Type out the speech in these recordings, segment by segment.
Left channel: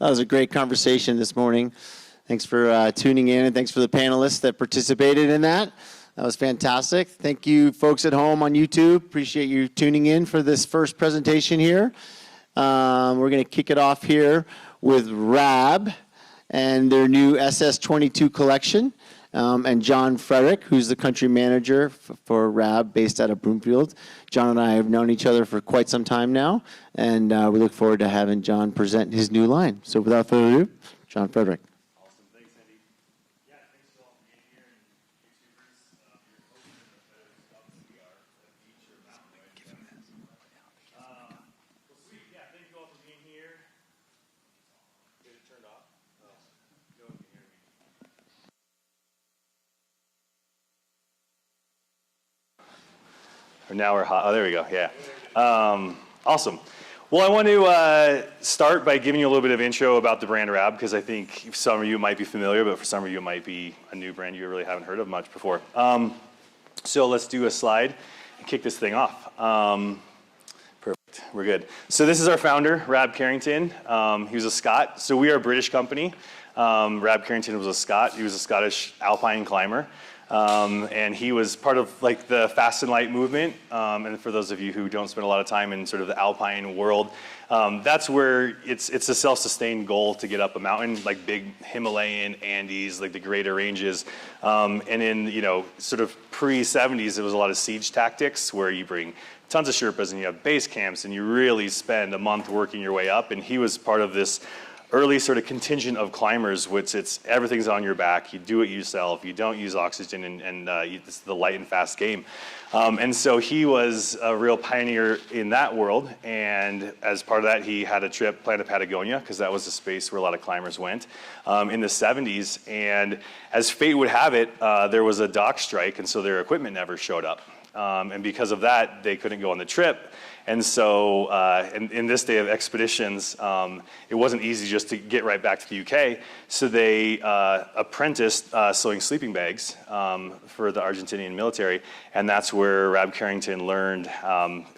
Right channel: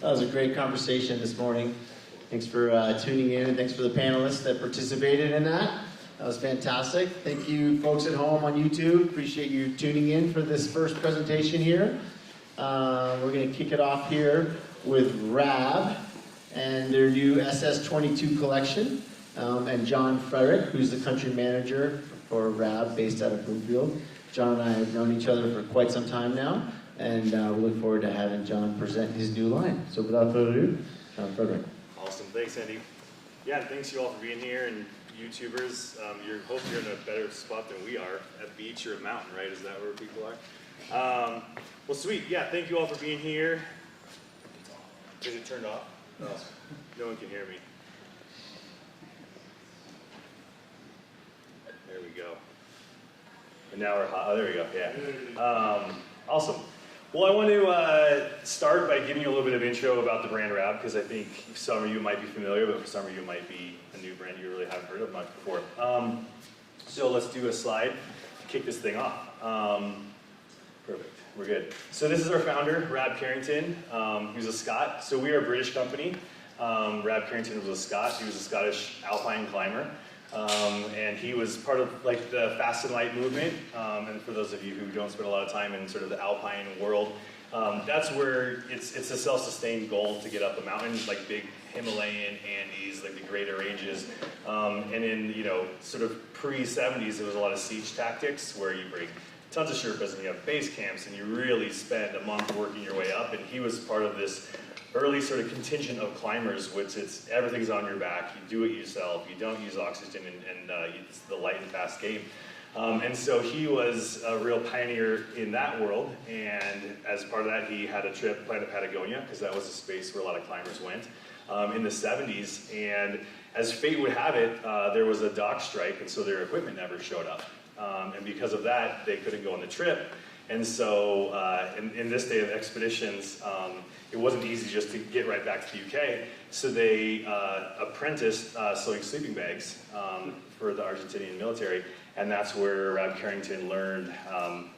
That was a great conversation this morning. Thanks for tuning in, and thanks for the panelists that participated in that. That was fantastic. Thank you, folks at home on YouTube. Appreciate you tuning in for this first presentation here. We're going to kick it off here with RAB and their new SS22 collection, and John Frederick, who's the country manager for RAB based out of Broomfield. John and I have known each other for quite some time now, and we look forward to having John present his new line. So without further ado, John Frederick. Awesome, thanks Andy. Yeah, and thanks you all for being here, and YouTubers. Hope you're in a better spot than we are, at beach or a mountain, right? Is that where people are? Well, sweet, yeah, thank you all for being here. Is it turned off? Oh, no one can hear me. There we go. Or now we're hot. Oh, there we go, yeah. Awesome. Well, I want to start by giving you a little bit of intro about the brand RAB, because I think some of you might be familiar, but for some of you it might be a new brand you really haven't heard of much before. So let's do a slide and kick this thing off. Perfect, we're good. So this is our founder, Rab Carrington. He was a Scot, so we are a British company. Rab Carrington was a Scot. He was a Scottish Alpine climber. And he was part of like the fast and light movement. And for those of you who don't spend a lot of time in sort of the Alpine world, that's where it's a self-sustained goal to get up a mountain, like big Himalayan, Andes, like the greater ranges. And in, sort of pre-70s, it was a lot of siege tactics where you bring tons of Sherpas and you have base camps and you really spend a month working your way up. And he was part of this early sort of contingent of climbers, which everything's on your back. You do it yourself. You don't use oxygen, and it's the light and fast game. And so he was a real pioneer in that world. And as part of that, he had a trip planned to Patagonia, because that was a space where a lot of climbers went in the 70s. And as fate would have it, there was a dock strike, and so their equipment never showed up. And because of that, they couldn't go on the trip. And so in this day of expeditions, it wasn't easy just to get right back to the UK. So they apprenticed sewing sleeping bags for the Argentinian military. And that's where Rab Carrington learned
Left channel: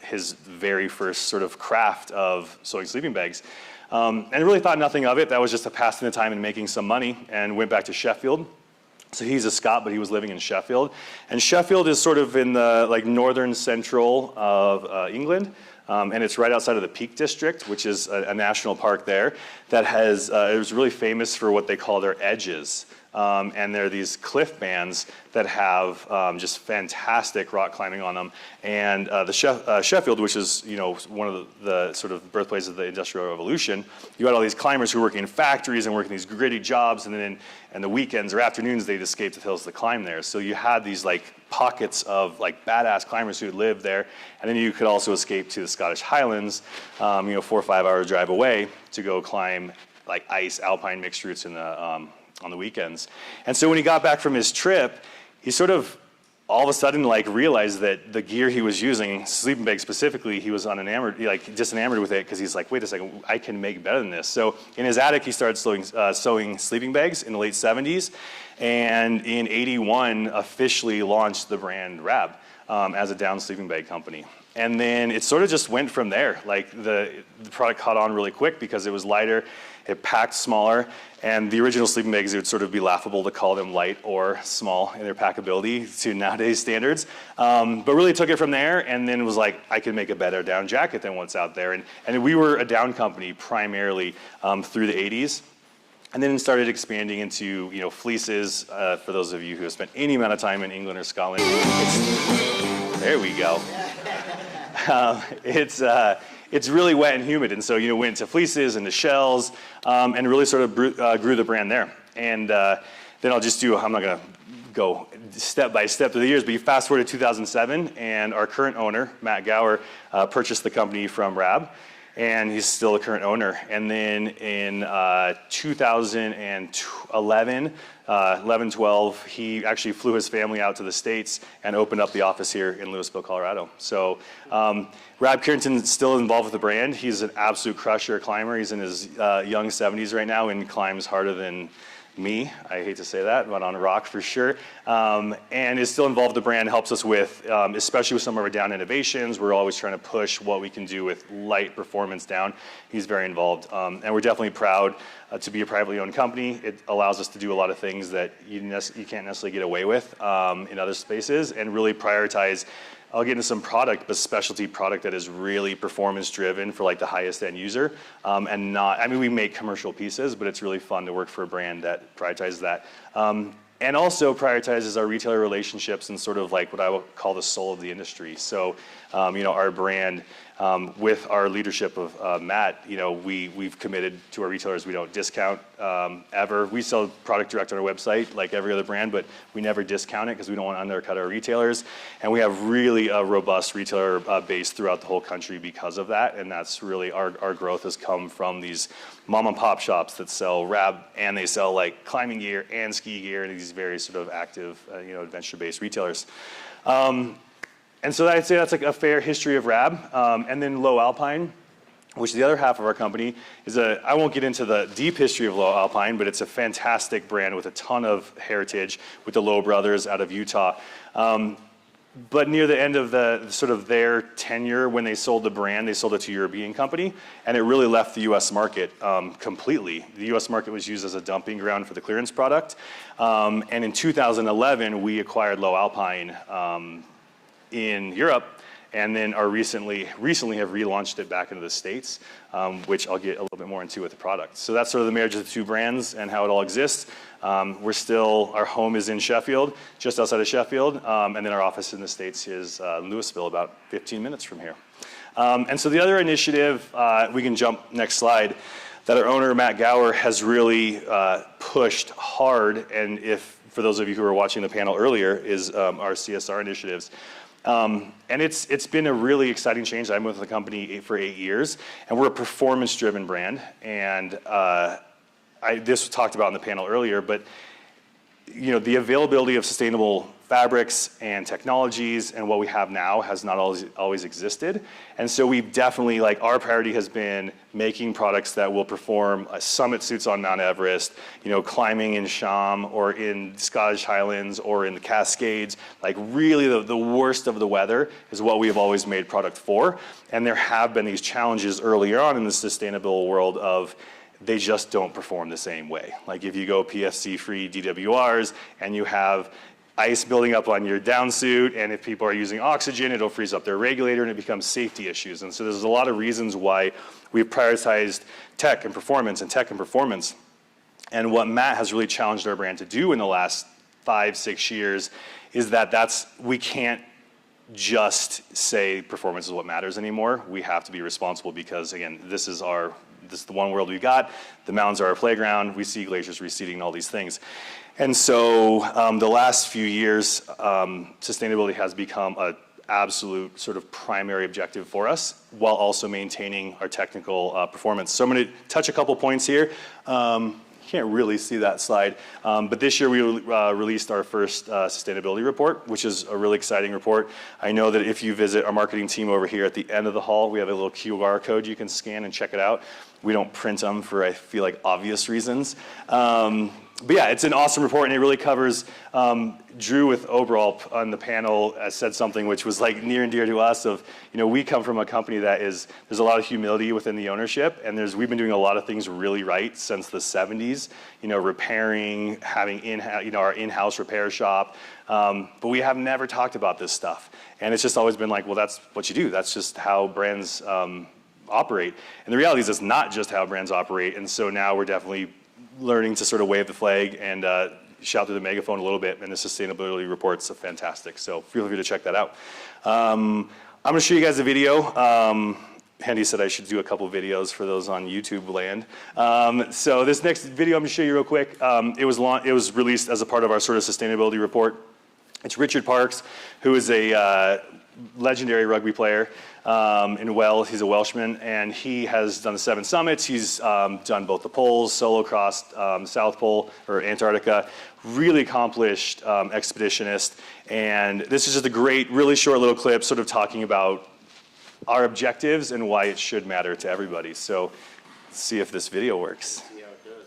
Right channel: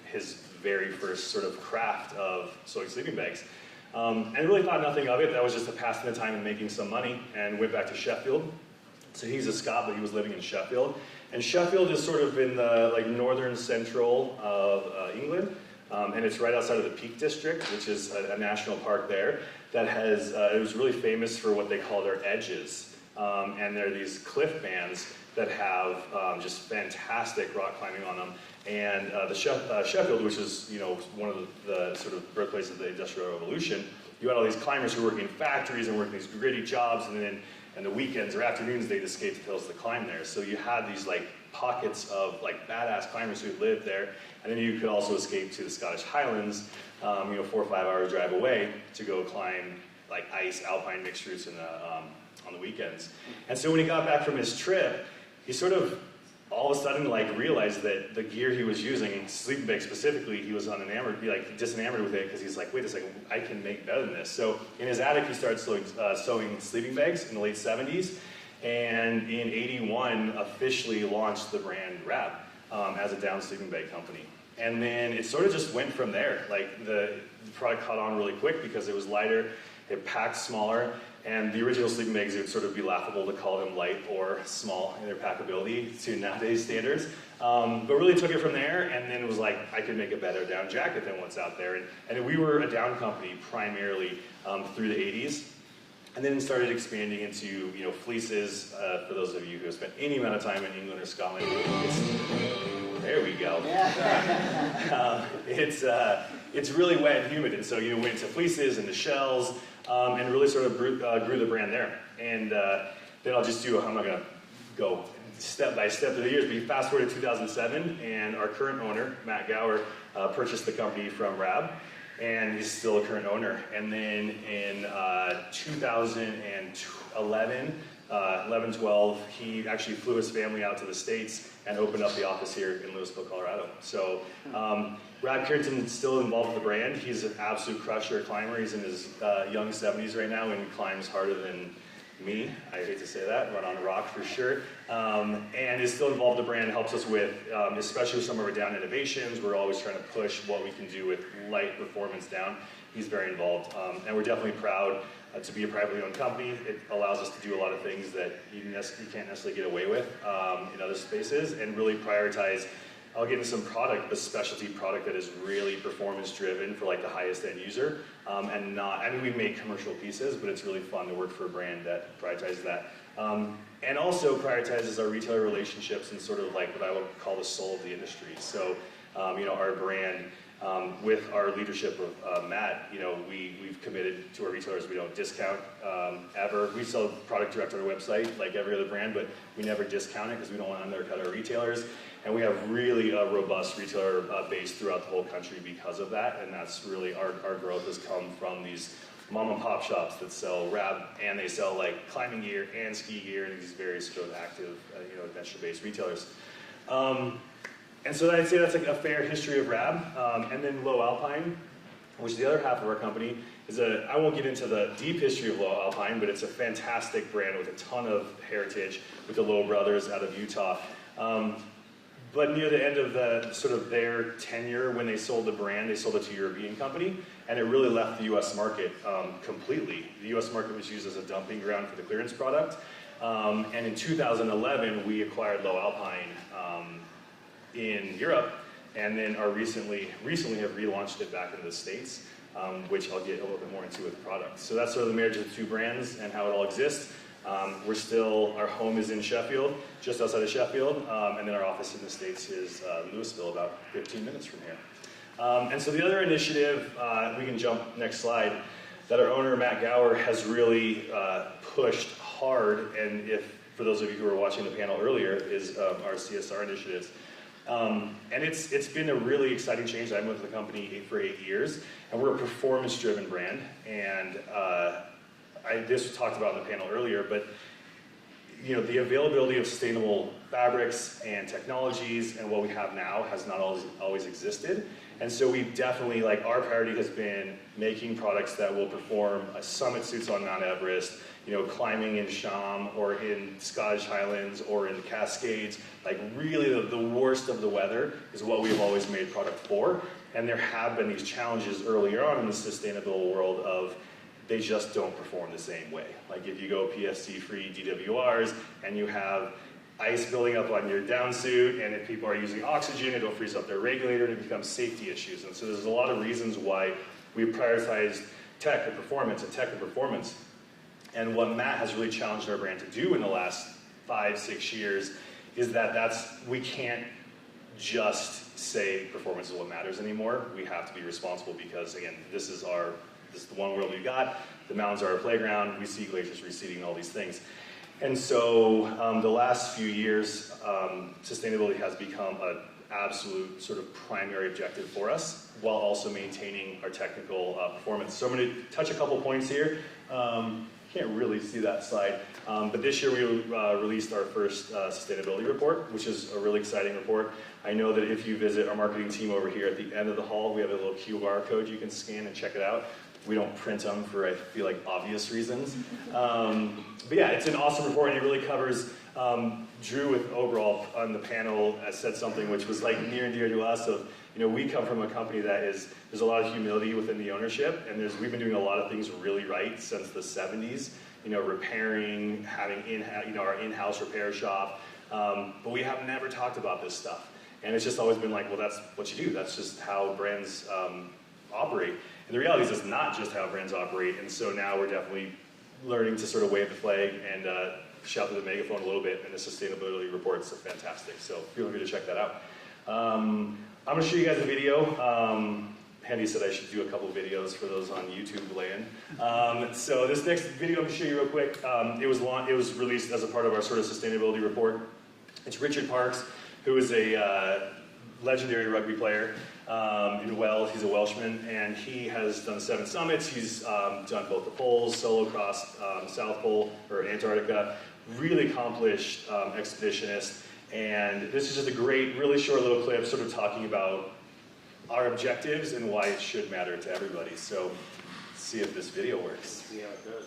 his very first sort of craft of sewing sleeping bags. And really thought nothing of it. That was just a passing the time and making some money, and went back to Sheffield. So he's a Scot, but he was living in Sheffield. And Sheffield is sort of in the northern central of England. And it's right outside of the Peak District, which is a national park there that has, it was really famous for what they call their edges. And they're these cliff bands that have just fantastic rock climbing on them. And Sheffield, which is one of the sort of birthplaces of the Industrial Revolution, you had all these climbers who were working in factories and working these gritty jobs, and then and the weekends or afternoons they'd escape to the hills to climb there. So you had these pockets of badass climbers who lived there, and then you could also escape to the Scottish Highlands, 4 or 5 hour drive away to go climb ice alpine mixed routes in the on the weekends. And so when he got back from his trip, he sort of all of a sudden realized that the gear he was using, sleeping bag specifically, he was just enamored with it, because he's like, wait a second, I can make better than this. So in his attic, he started sewing sleeping bags in the late 70s, and in '81 officially launched the brand RAB as a down sleeping bag company. And then it sort of just went from there. The product caught on really quick because it was lighter, it packed smaller, and the original sleeping bags, it would sort of be laughable to call them light or small in their packability to nowadays standards. But really took it from there, and then was like, I could make a better down jacket than what's out there. And we were a down company primarily through the 80s. And then started expanding into fleeces. For those of you who have spent any amount of time in England or Scotland, there we go. It's really wet and humid, and so went into fleeces and the shells, and really sort of grew the brand there. And then I'll just I'm not gonna go step by step through the years, but you fast forward to 2007, and our current owner, Matt Gower, purchased the company from Rab, and he's still a current owner. And then in 2011, 11-12, he actually flew his family out to the States and opened up the office here in Louisville, Colorado. So Rab Carrington is still involved with the brand. He's an absolute crusher climber. He's in his young 70s right now and climbs harder than me, I hate to say that, but on a rock for sure, and is still involved. The brand helps us with, especially with some of our down innovations. We're always trying to push what we can do with light performance down. He's very involved, and we're definitely proud to be a privately owned company. It allows us to do a lot of things that you can't necessarily get away with in other spaces, and really prioritize. I'll get into some product, but specialty product that is really performance driven for like the highest end user, and not, I mean, we make commercial pieces, but it's really fun to work for a brand that prioritizes that. And also prioritizes our retailer relationships and sort of like what I would call the soul of the industry. So, you know, our brand, with our leadership of Matt, you know, we've committed to our retailers. We don't discount ever. We sell product direct on our website like every other brand, but we never discount it because we don't want to undercut our retailers. And we have really a robust retailer base throughout the whole country because of that. And that's really our growth has come from these mom and pop shops that sell RAB, and they sell like climbing gear and ski gear, and these very sort of active, you know, adventure-based retailers. And so I'd say that's like a fair history of RAB. And then Lowe Alpine, which is the other half of our company, is I won't get into the deep history of Lowe Alpine, but it's a fantastic brand with a ton of heritage with the Lowe brothers out of Utah. But near the end of the sort of their tenure, when they sold the brand, they sold it to a European company, and it really left the US market completely. The US market was used as a dumping ground for the clearance product. And in 2011, we acquired Lowe Alpine in Europe, and then recently have relaunched it back into the States, which I'll get a little bit more into with the product. So that's sort of the marriage of the two brands and how it all exists. Our home is in Sheffield, just outside of Sheffield, and then our office in the States is Louisville, about 15 minutes from here. And so the other initiative, we can jump next slide, that our owner, Matt Gower, has really pushed hard, and for those of you who were watching the panel earlier, is our CSR initiatives. And it's been a really exciting change. I've been with the company for 8 years, and we're a performance-driven brand. And this was talked about in the panel earlier, but you know, the availability of sustainable fabrics and technologies and what we have now has not always existed. And so we've definitely, like, our priority has been making products that will perform summit suits on Mount Everest, you know, climbing in Sham or in Scottish Highlands or in the Cascades. Like, really the worst of the weather is what we have always made product for. And there have been these challenges earlier on in the sustainable world of they just don't perform the same way. Like, if you go PFC-free DWRs and you have ice building up on your down suit, and if people are using oxygen, it'll freeze up their regulator, and it becomes safety issues. And so there's a lot of reasons why we've prioritized tech and performance and tech and performance. And what Matt has really challenged our brand to do in the last 5-6 years is that we can't just say performance is what matters anymore. We have to be responsible because, again, this is the one world we got. The mountains are our playground. We see glaciers receding and all these things. And so the last few years, sustainability has become an absolute sort of primary objective for us, while also maintaining our technical performance. So I'm going to touch a couple points here. Can't really see that slide, but this year we released our first sustainability report, which is a really exciting report. I know that if you visit our marketing team over here at the end of the hall, we have a little QR code you can scan and check it out. We don't print them for, I feel like, obvious reasons. But yeah, it's an awesome report, and it really covers, Drew with Overall on the panel said something which was like near and dear to us of, you know, we come from a company there's a lot of humility within the ownership, and we've been doing a lot of things really right since the 70s, you know, repairing, having our in-house repair shop, but we have never talked about this stuff. And it's just always been like, well, that's what you do. That's just how brands operate. And the reality is it's not just how brands operate, and so now we're definitely learning to sort of wave the flag and shout through the megaphone a little bit, and the sustainability report's fantastic, so feel free to check that out. I'm going to show you guys a video. Handy said I should do a couple videos for those on YouTube land. So this next video I'm going to show you real quick. It was released as a part of our sort of sustainability report. It's Richard Parks, who is a legendary rugby player in Wales. He's a Welshman, and he has done the 7 summits. He's done both the poles, solo crossed South Pole or Antarctica. Really accomplished expeditionist. And this is just a great, really short little clip sort of talking about our objectives and why it should matter to everybody. So let's see if this video works. Yeah, it does.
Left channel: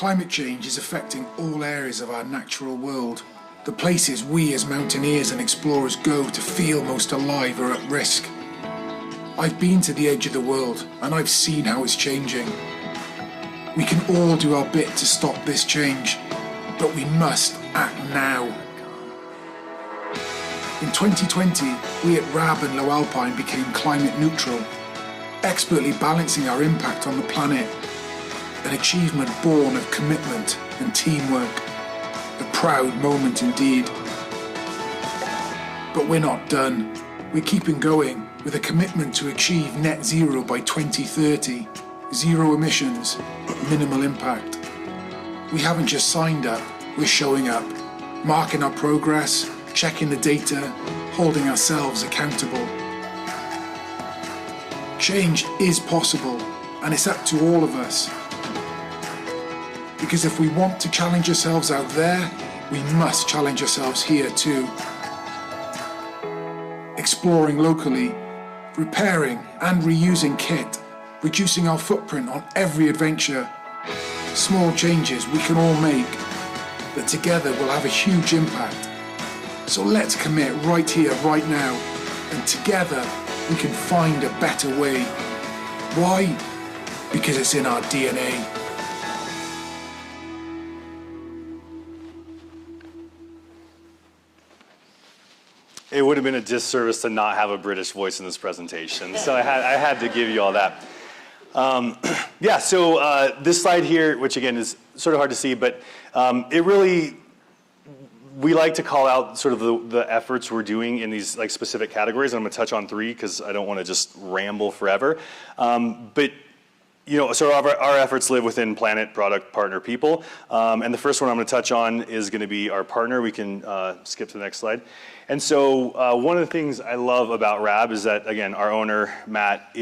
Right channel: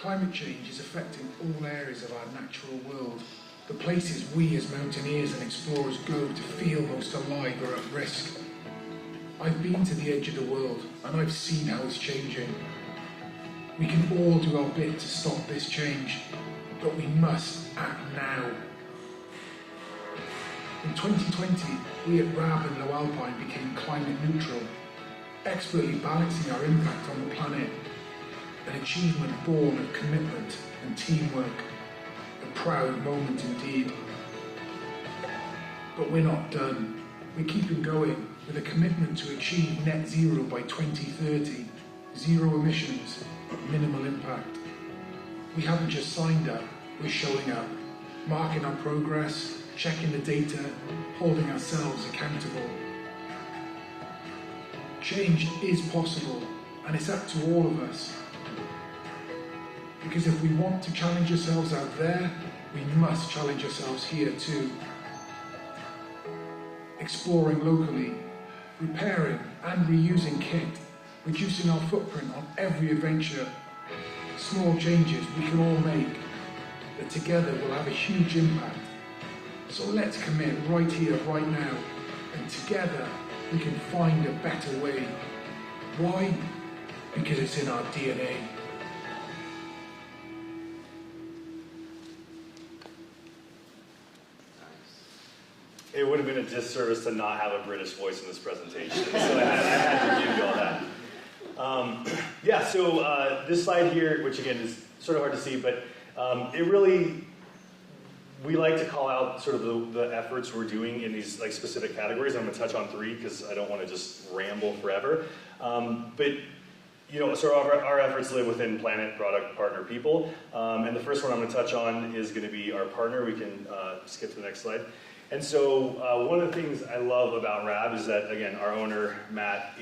Climate change is affecting all areas of our natural world. The places we as mountaineers and explorers go to feel most alive are at risk. I've been to the edge of the world and I've seen how it's changing. We can all do our bit to stop this change, but we must act now. In 2020, we at RAB and Lowe Alpine became climate neutral, expertly balancing our impact on the planet, an achievement born of commitment and teamwork, a proud moment indeed. But we're not done. We're keeping going with a commitment to achieve net zero by 2030, zero emissions, minimal impact. We haven't just signed up, we're showing up, marking our progress, checking the data, holding ourselves accountable. Change is possible, and it's up to all of us. Because if we want to challenge ourselves out there, we must challenge ourselves here too. Exploring locally, repairing and reusing kit, reducing our footprint on every adventure. Small changes we can all make, that together will have a huge impact. So let's commit right here, right now, and together we can find a better way. Why? Because it's in our DNA. It would have been a disservice to not have a British voice in this presentation, so I had to give you all that. Yeah, so this slide here, which again is sort of hard to see, but it really, we like to call out sort of the efforts we're doing in these like specific categories, and I'm going to touch on 3 because I don't want to just ramble forever. But you know, so our efforts live within planet, product, partner, people, and the first one I'm going to touch on is going to be our partner. We can skip to the next slide. And so one of the things I love about RAB is that, again, our owner, Matt,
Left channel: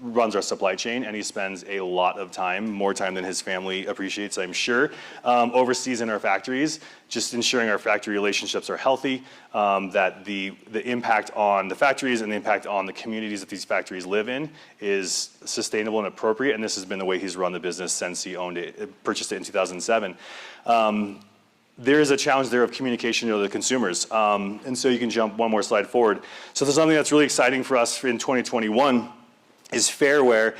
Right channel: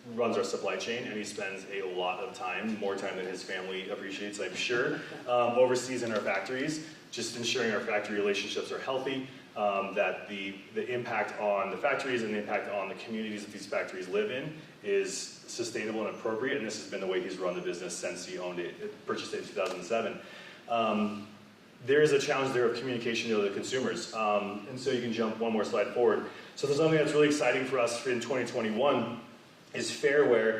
runs our supply chain, and he spends a lot of time, more time than his family appreciates, I'm sure, overseas in our factories, just ensuring our factory relationships are healthy, that the impact on the factories and the impact on the communities that these factories live in is sustainable and appropriate, and this has been the way he's run the business since he owned it, purchased it in 2007. There is a challenge there of communication to the consumers. And so you can jump one more slide forward. So there's something that's really exciting for us in 2021 is Fairwear,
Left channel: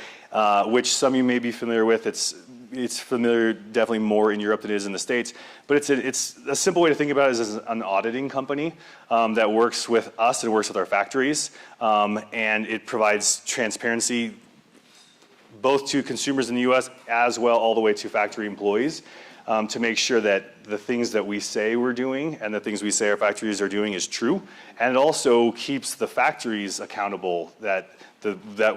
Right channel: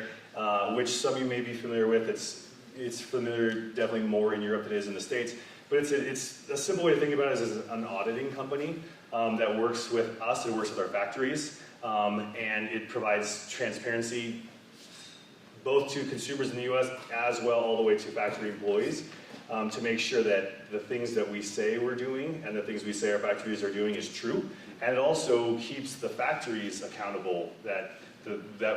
which some of you may be familiar with. It's familiar definitely more in Europe than it is in the States. But it's a simple way to think about it is as an auditing company that works with us and works with our factories. And it provides transparency both to consumers in the US as well all the way to factory employees. To make sure that the things that we say we're doing and the things we say our factories are doing is true, and it also keeps the factories accountable that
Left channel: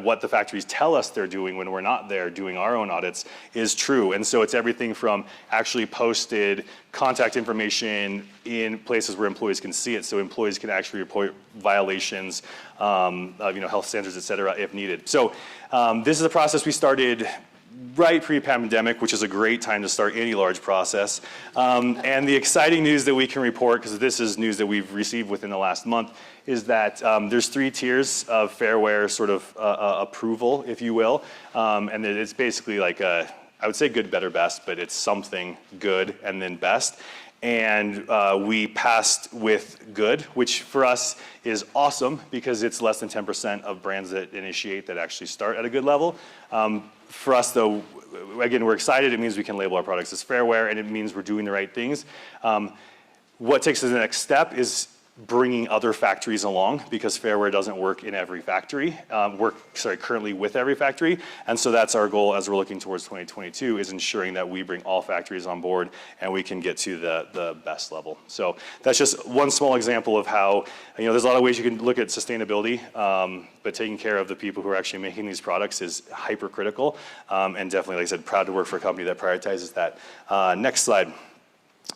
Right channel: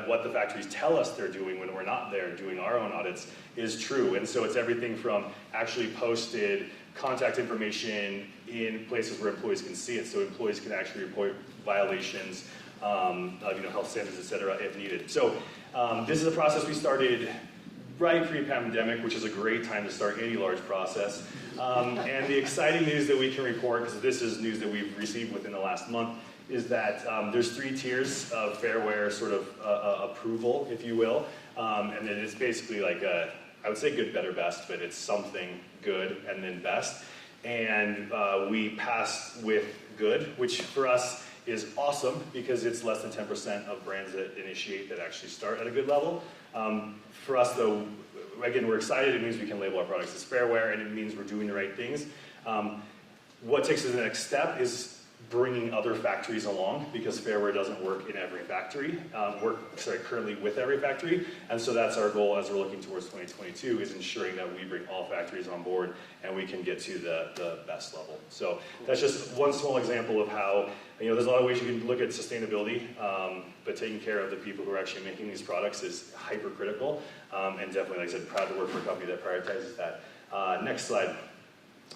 what the factories tell us they're doing when we're not there doing our own audits is true. And so it's everything from actually posted contact information in places where employees can see it, so employees can actually report violations of health standards, et cetera, if needed. So this is a process we started right pre-pandemic, which is a great time to start any large process. And the exciting news that we can report, because this is news that we've received within the last month, is that there's 3 tiers of Fairwear sort of approval, if you will. And it's basically like I would say good, better, best, but it's something good and then best. And we passed with good, which for us is awesome because it's less than 10% of brands that initiate that actually start at a good level. For us though, again, we're excited. It means we can label our products as Fairwear, and it means we're doing the right things. What takes us to the next step is bringing other factories along, because Fairwear doesn't work in every factory, currently with every factory. And so that's our goal as we're looking towards 2022, is ensuring that we bring all factories on board and we can get to the best level. So that's just one small example of how, there's a lot of ways you can look at sustainability, but taking care of the people who are actually making these products is hyper critical. And definitely, like I said, proud to work for a company that prioritizes that. Next slide.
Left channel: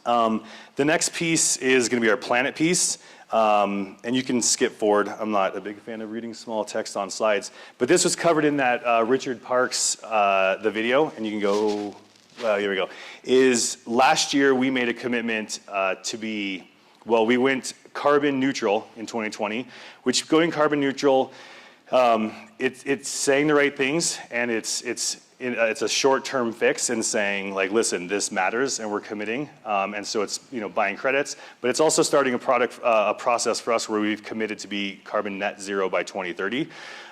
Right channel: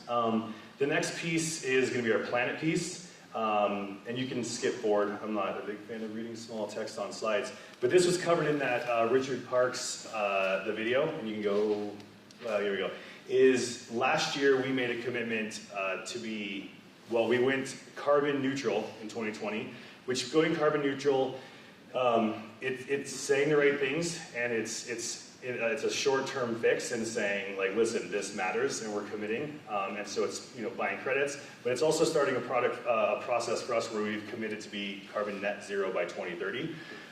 The next piece is going to be our planet piece. And you can skip forward. I'm not a big fan of reading small text on slides, but this was covered in that Richard Parks, the video, and you can go, here we go, is last year we made a commitment we went carbon neutral in 2020, which going carbon neutral, it's saying the right things, and it's it's a short-term fix in saying, like, listen, this matters and we're committing. And so it's, buying credits, but it's also starting a process for us where we've committed to be carbon net zero by 2030.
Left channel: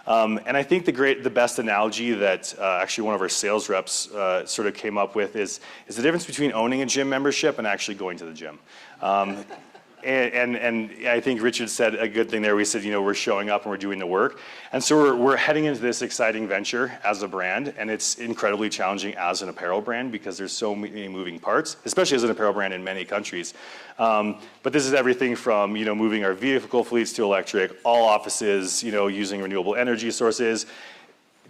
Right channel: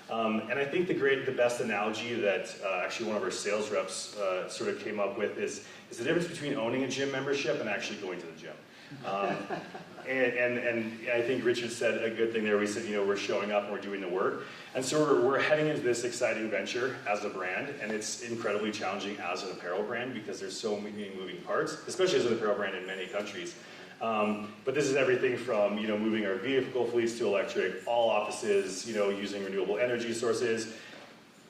And I think the best analogy that actually one of our sales reps sort of came up with is the difference between owning a gym membership and actually going to the gym. And I think Richard said a good thing there. We said, we're showing up and we're doing the work. And so we're heading into this exciting venture as a brand, and it's incredibly challenging as an apparel brand because there's so many moving parts, especially as an apparel brand in many countries. But this is everything from, moving our vehicle fleets to electric, all offices, using renewable energy sources,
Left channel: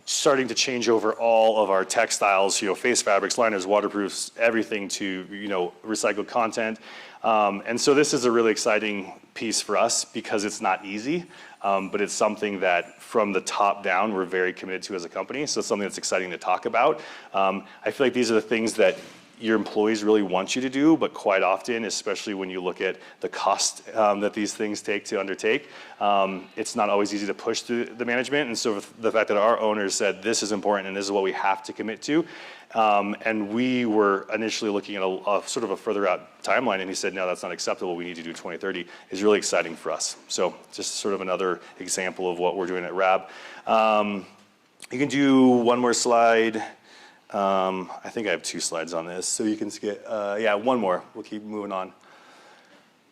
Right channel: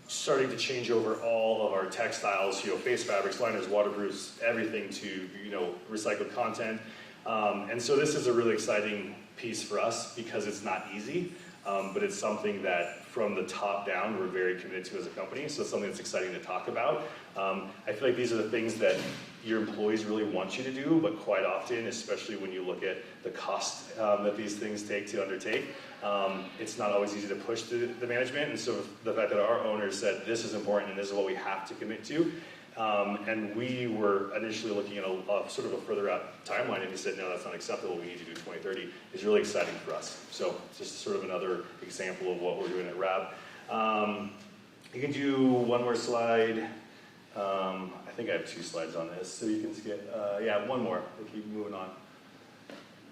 starting to change over all of our textiles, face fabrics, liners, waterproofs, everything to, recycled content. And so this is a really exciting piece for us because it's not easy, but it's something that from the top down we're very committed to as a company. So it's something that's exciting to talk about. I feel like these are the things that your employees really want you to do, but quite often, especially when you look at the cost that these things take to undertake, it's not always easy to push through the management. And so the fact that our owners said this is important and this is what we have to commit to, and we were initially looking at a sort of a further out timeline, and he said, no, that's not acceptable, we need to do 2030, is really exciting for us. So just sort of another example of what we're doing at RAB. You can do one more slide. I think I have 2 slides on this, so you can skip, yeah, one more, we'll keep moving on.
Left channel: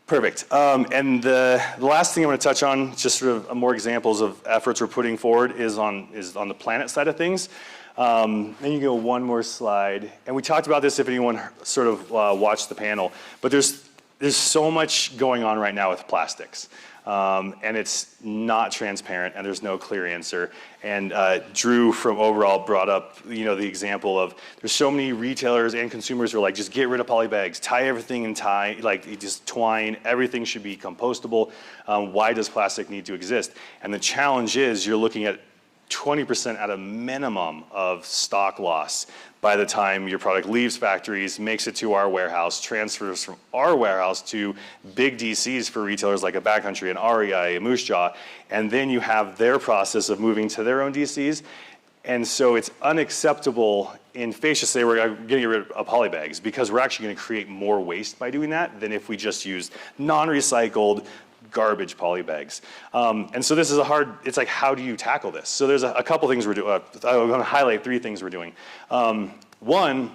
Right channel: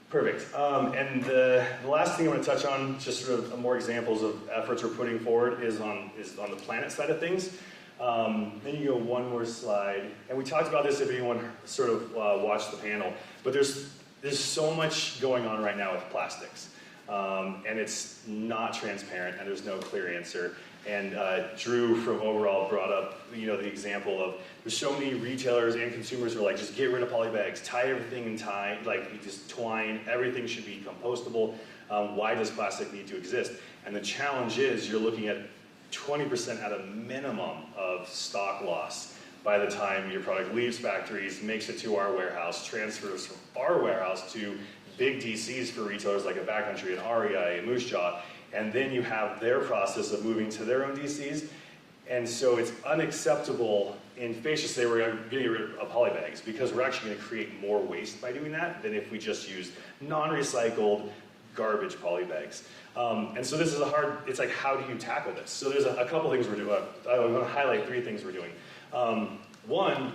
Perfect. And the last thing I'm going to touch on, just sort of more examples of efforts we're putting forward, is on the planet side of things. Then you go one more slide, and we talked about this if anyone sort of watched the panel, but there's so much going on right now with plastics, and it's not transparent, and there's no clear answer. And Drew from Overall brought up, the example of there's so many retailers and consumers who are like, just get rid of poly bags, tie everything in just twine, everything should be compostable. Why does plastic need to exist? And the challenge is you're looking at 20% at a minimum of stock loss by the time your product leaves factories, makes it to our warehouse, transfers from our warehouse to big DCs for retailers like a Backcountry, an REI, a Moose Jaw, and then you have their process of moving to their own DCs. And so it's unacceptable in face to say we're getting rid of poly bags because we're actually going to create more waste by doing that than if we just use non-recycled garbage poly bags. And so this is it's like, how do you tackle this? So there's a couple things we're doing. I'm going to highlight 3 things we're doing. One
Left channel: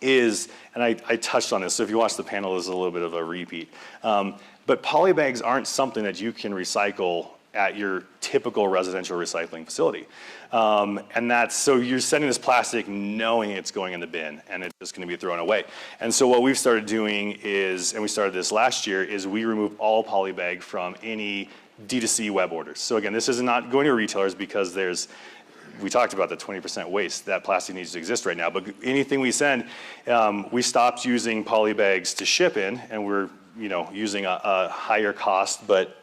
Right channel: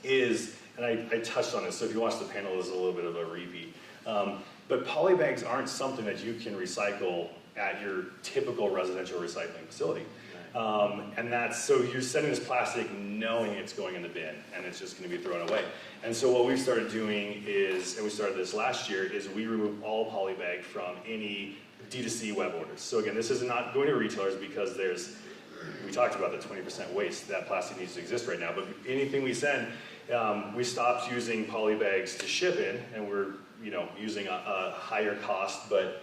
is, and I touched on this, so if you watch the panel, this is a little bit of a repeat. But poly bags aren't something that you can recycle at your typical residential recycling facility. And so you're sending this plastic knowing it's going in the bin and it's just going to be thrown away. And so what we've started doing is, and we started this last year, is we remove all poly bag from any D2C web orders. So again, this is not going to retailers because we talked about the 20% waste. That plastic needs to exist right now, but anything we send, we stopped using poly bags to ship in, and we're using a higher cost but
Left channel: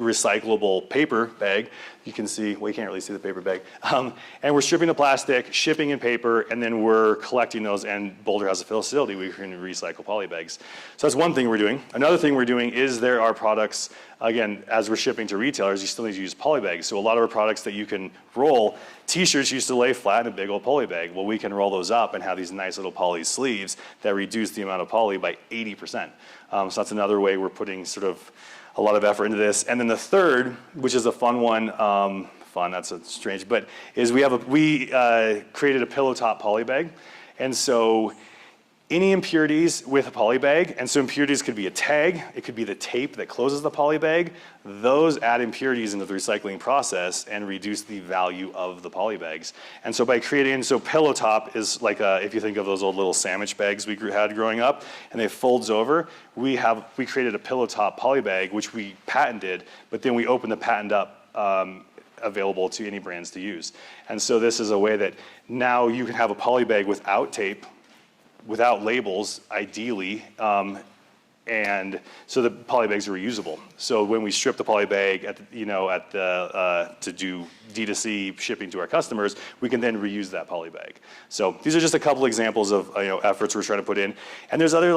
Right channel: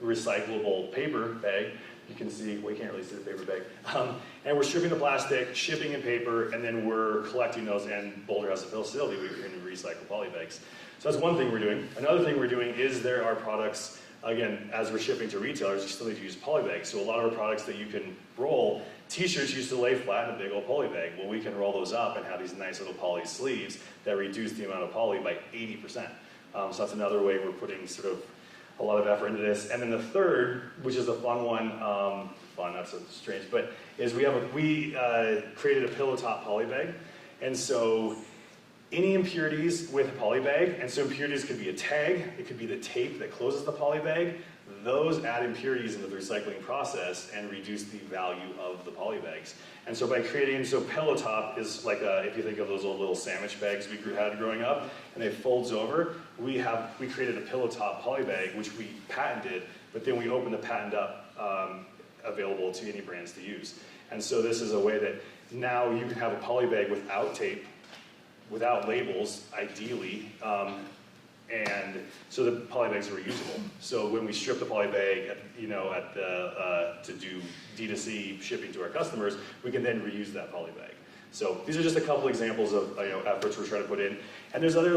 recyclable paper bag. You can see, well, you can't really see the paper bag. And we're stripping the plastic, shipping in paper, and then we're collecting those, and Boulder has a facility we can recycle poly bags. So that's one thing we're doing. Another thing we're doing is there are products, again, as we're shipping to retailers, you still need to use poly bags. So a lot of our products that you can roll, t-shirts used to lay flat in a big old poly bag. Well, we can roll those up and have these nice little poly sleeves that reduce the amount of poly by 80%. So that's another way we're putting sort of a lot of effort into this. And then the third, which is a fun one, that's a strange, but is we created a pillow top poly bag. And so any impurities with a poly bag, and so impurities could be a tag, it could be the tape that closes the poly bag, those add impurities into the recycling process and reduce the value of the poly bags. And so by so pillow top is like if you think of those old little sandwich bags we had growing up, and it folds over, we created a pillow top poly bag, which we patented, but then we opened the patent up available to any brands to use. And so this is a way that now you can have a poly bag without tape, without labels, ideally, and so the poly bags are reusable. So when we strip the poly bag to do D2C shipping to our customers, we can then reuse that poly bag. So these are just a couple examples of efforts we're trying to put in. And there's other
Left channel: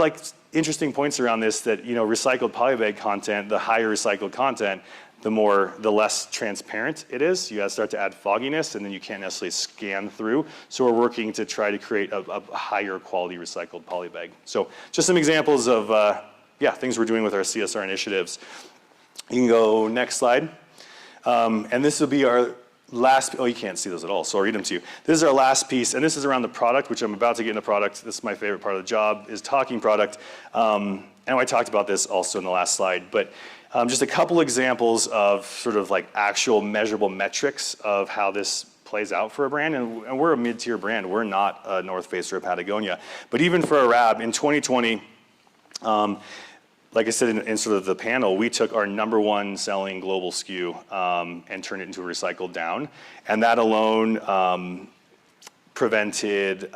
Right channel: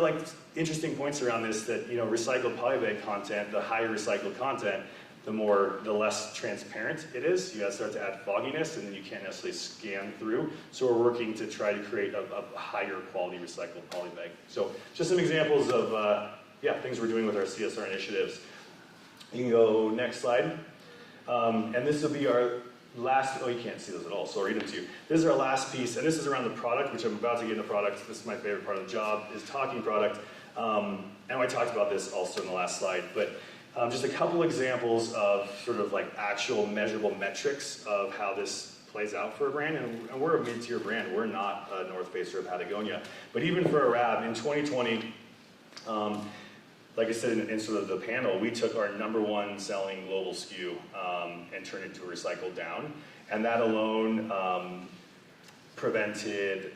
interesting points around this that recycled poly bag content, the higher recycled content, the less transparent it is. You start to add fogginess, and then you can't necessarily scan through. So we're working to try to create a higher quality recycled poly bag. So just some examples of things we're doing with our CSR initiatives. You can go next slide. And this will be our last, you can't see those at all, so I'll read them to you. This is our last piece, and this is around the product, which I'm about to get into product. This is my favorite part of the job, is talking product. And I talked about this also in the last slide, but just a couple examples of sort of like actual measurable metrics of how this plays out for a brand. And we're a mid-tier brand. We're not a North Face or a Patagonia. But even for a RAB, in 2020, like I said in sort of the panel, we took our #1 selling global SKU and turned it into a recycled down. And that alone prevented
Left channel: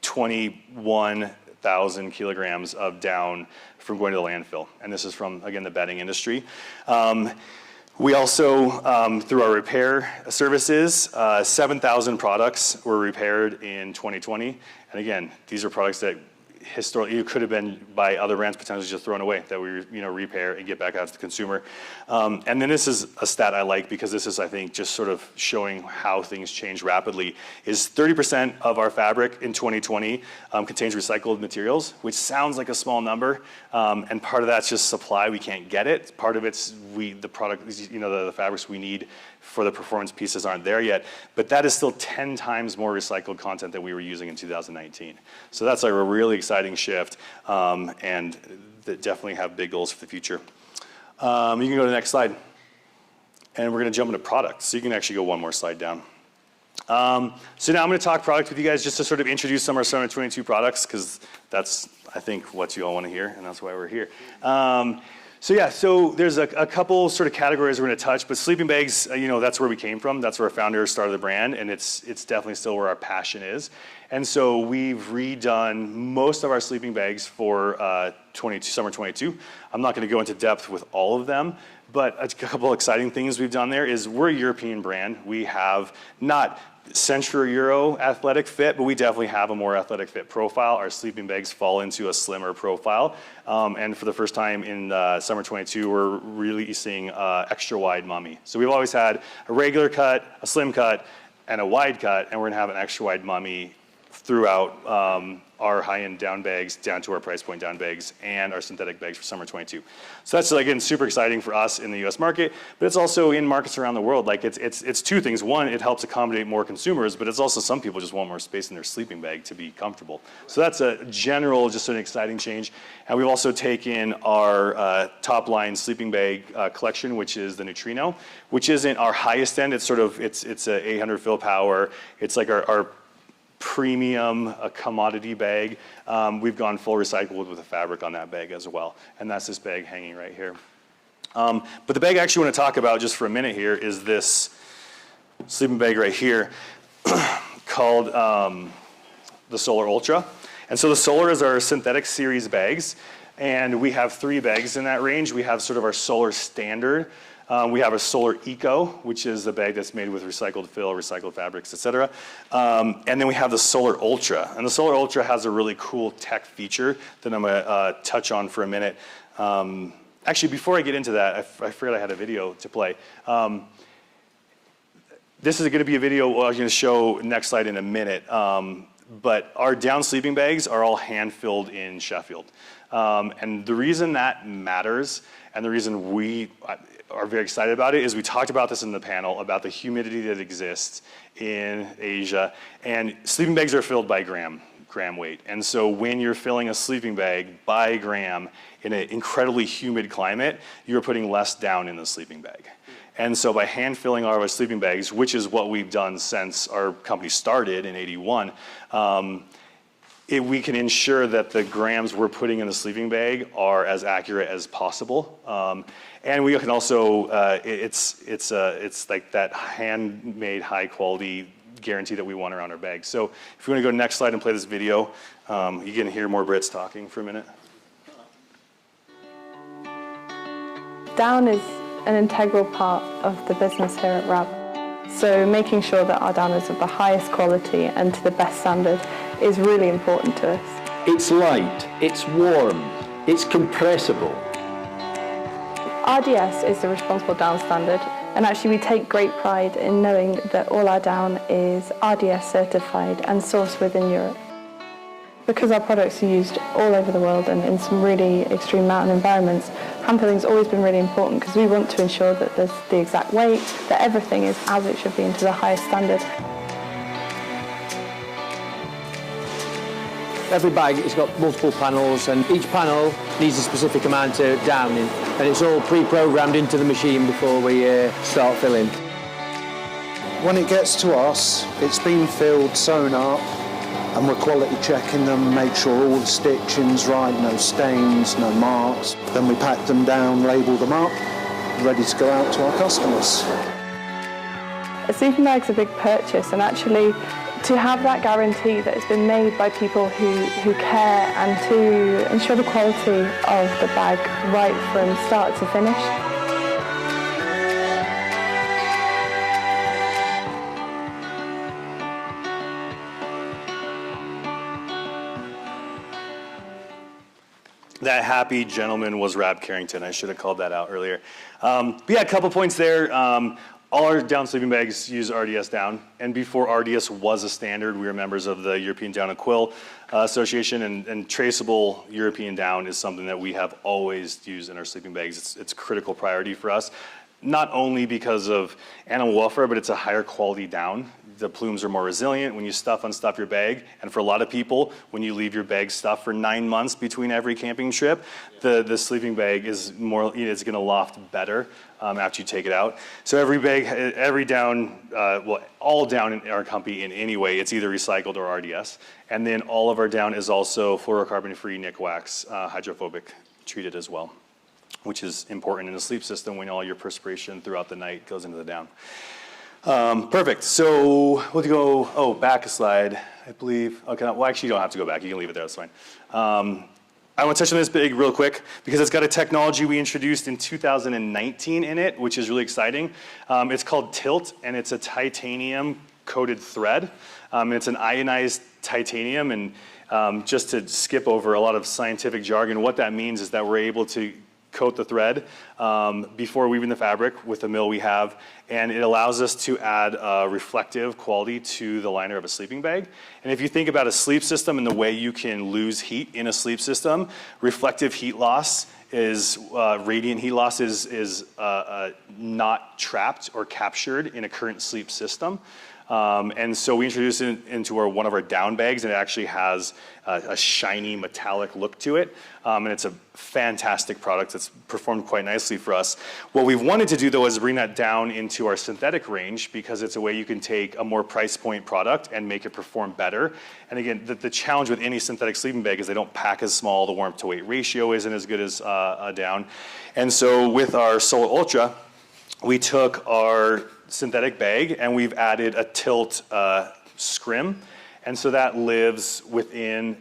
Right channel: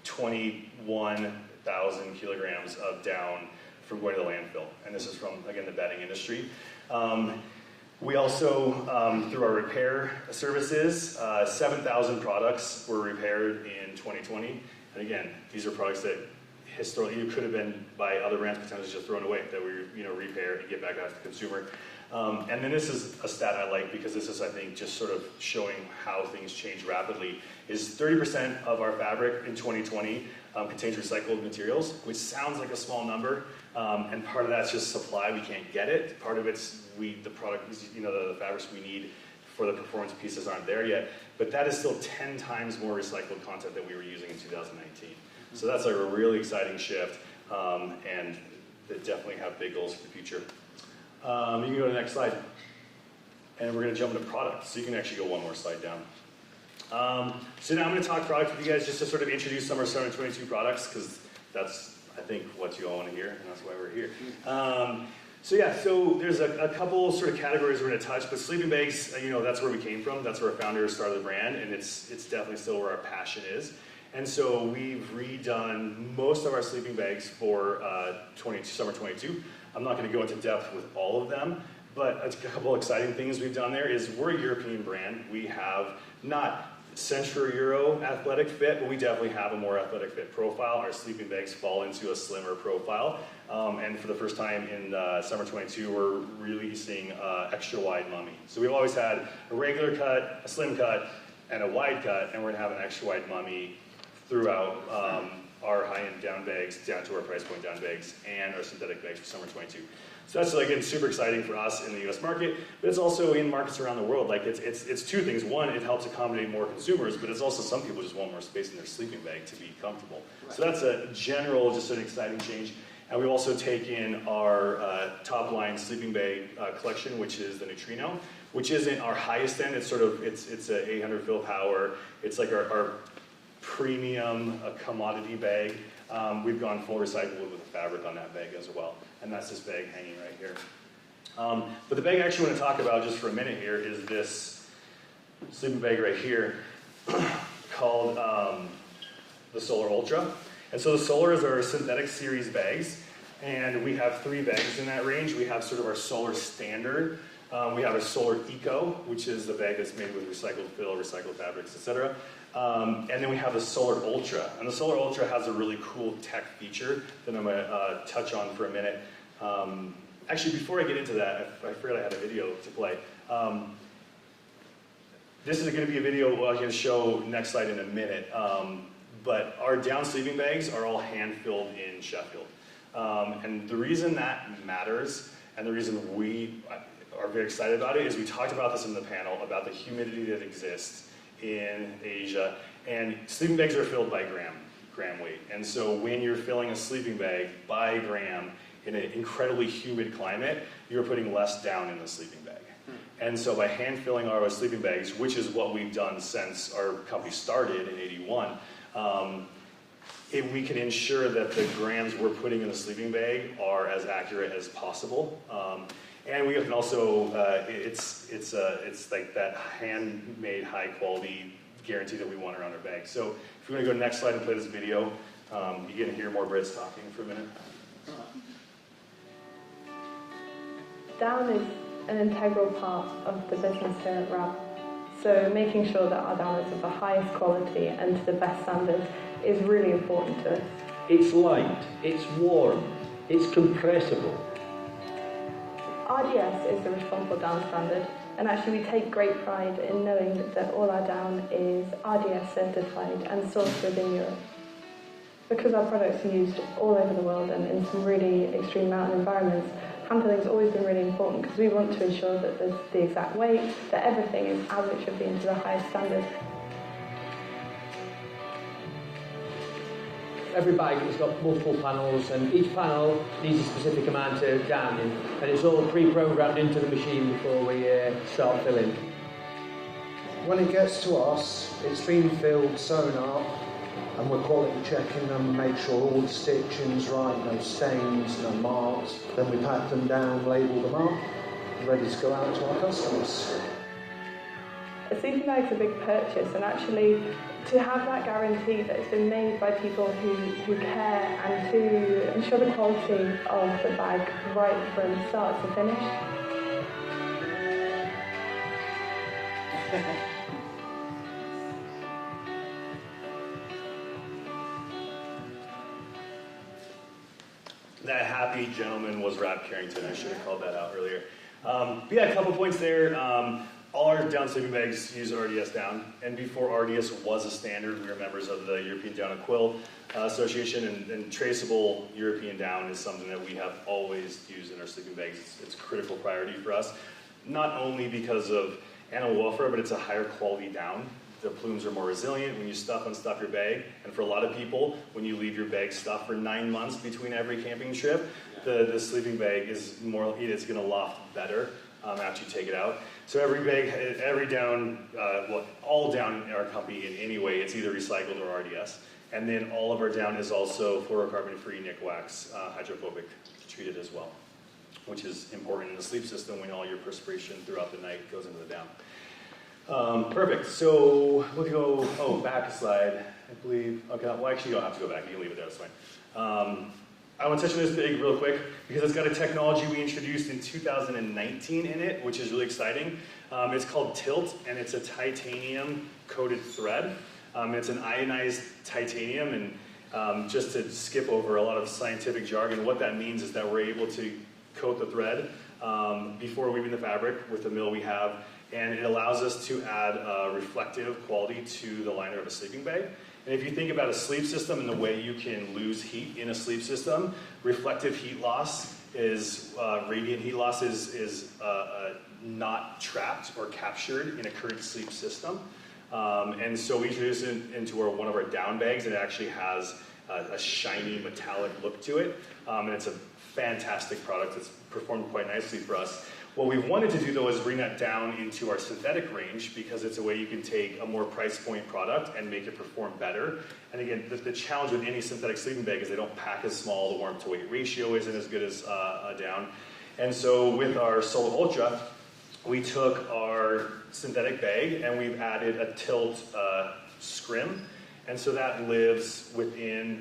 21,000 kilograms of down from going to the landfill. And this is from, again, the bedding industry. We also, through our repair services, 7,000 products were repaired in 2020. And again, these are products that historically it could have been by other brands potentially just thrown away, that we repair and get back out to the consumer. And then this is a stat I like, because this is, I think, just sort of showing how things change rapidly, is 30% of our fabric in 2020 contains recycled materials, which sounds like a small number. And part of that's just supply, we can't get it. Part of it's the product, the fabrics we need for the performance pieces aren't there yet, but that is still 10 times more recycled content than we were using in 2019. So that's like a really exciting shift, and that definitely have big goals for the future. You can go to the next slide, and we're gonna jump into products. So you can actually go one more slide down. So now I'm gonna talk product with you guys just to sort of introduce some of our 722 products, because that's, I think, what you all wanna hear, and that's why we're here. So there's a couple sort of categories we're going to touch, but sleeping bags, that's where we came from. That's where our founder started the brand, and it's definitely still where our passion is. And so we've redone most of our sleeping bags for summer 22. I'm not going to go into depth with all of them, but a couple exciting things we've done there is we're a European brand. We have not Central Euro athletic fit, but we definitely have a more athletic fit profile. Our sleeping bags fall into a slimmer profile. And for the first time in summer 22, we're releasing extra wide mummy. So we've always had a regular cut, a slim cut, and a wide cut, and we're gonna have an extra wide mummy throughout our high-end down bags, down to our price point down bags, and our synthetic bags for summer 22. So that's, again, super exciting for us in the US market, but it's also in markets around the world. Like it's two things. One, it helps accommodate more consumers, but it's also some people just want more space in their sleeping bag to be comfortable. So that's a general, just an exciting change. And we've also taken our top line sleeping bag collection, which is the Neutrino, which isn't our highest end. It's sort of, it's a 800 fill power. It's like our premium commodity bag. We've gone full recycled with the fabric on that bag as well. And that's this bag hanging right here. But the bag I actually want to talk about just for a minute here is this sleeping bag right here called the Solar Ultra. And so the Solar is our synthetic series bags. And we have 3 bags in that range. We have sort of our Solar Standard. We have a Solar Eco, which is the bag that's made with recycled fill, recycled fabrics, etc. And then we have the Solar Ultra. And the Solar Ultra has a really cool tech feature that I'm going to touch on for a minute. Actually, before I get into that, I forgot I had a video to play. This is going to be a video I'm going to show next slide in a minute. But our down sleeping bags are all hand-filled in Sheffield. And the reason that matters, and the reason we are very excited about it, is we talked about this in the panel about the humidity that exists in Asia, and sleeping bags are filled by gram weight. And so when you're filling a sleeping bag by gram in an incredibly humid climate, you're putting less down in the sleeping bag. And so by hand filling our sleeping bags, which is what we've done since our company started in '81, we can ensure that the grams we're putting in the sleeping bag are as accurate as possible. And we can also, it's like that handmade high quality guarantee that we want around our bags. So if you want to go to the next slide and play this video, you can hear more Brits talking for a minute. Down is an integral part of the business here at RAB. So making sure that our down is of the highest quality and to the best standard is really important to us. It's light, it's warm, it's compressible. RDS is the responsible down standard, and actually we take great pride in knowing that all our down is RDS certified and sourced within Europe. Because our products are used all over the world and in some really extreme mountain environments, handfilling's always been really important because we want to ensure that there's the exact weight, that everything is as it should be and to the highest standard. Every bag has got multiple panels, and each panel needs a specific amount of downing, and it's all pre-programmed into the machine before we start filling. When it gets to us, it's been filled, sewn up, and we're quality checking them, make sure all the stitching's right, no stains, no marks. Then we pack them down, label them up, ready to go out to our customers. A sleeping bag's a big purchase, and actually to have that guarantee that it's been made by people who care and to ensure the quality of the bag right from start to finish. That happy gentleman was Rob Carrington. I should have called that out earlier. But yeah, a couple points there. All our down sleeping bags use RDS down, and before RDS was a standard, we were members of the European Down and Quill Association, and traceable European down is something that we have always used in our sleeping bags. It's a critical priority for us, not only because of animal welfare, but it's a higher quality down. The plumes are more resilient when you unstuff your bag, and for a lot of people, when you leave your bag stuffed for 9 months between every camping trip, the sleeping bag is more, it's gonna loft better after you take it out. So every bag, every down, well, all down in our company in any way, it's either recycled or RDS. And then all of our down is also fluorocarbon-free nick wax, hydrophobic treated as well, which is important in the sleep system when all your perspiration throughout the night goes into the down. Perfect. So we'll go, back a slide, I believe. Okay, well, actually, you don't have to go back. You can leave it there. That's fine. I want to touch on this big real quick because it's got a technology we introduced in 2019 in it, which is really exciting. It's called Tilt, and it's a titanium-coated thread. And it's an ionized titanium, and just to skip over a lot of scientific jargon, what that means is that we're able to coat the thread before weaving the fabric with the mill we have, and it allows us to add reflective quality to the liner of a sleeping bag. And if you think about a sleep system and the way you can lose heat in a sleep system, reflective heat loss is, radiant heat loss is not trapped or captured in a current sleep system. And so we introduced it into one of our down bags, and it actually has a shiny metallic look to it. And it's a fantastic product that's performed quite nicely for us. What we've wanted to do though is bring that down into our synthetic range, because it's a way you can take a more price point product and make it perform better. And again, the challenge with any synthetic sleeping bag is they don't pack as small, the warmth to weight ratio isn't as good as a down. And so with our Solar Ultra, we took our synthetic bag and we've added a tilt scrim. And so that lives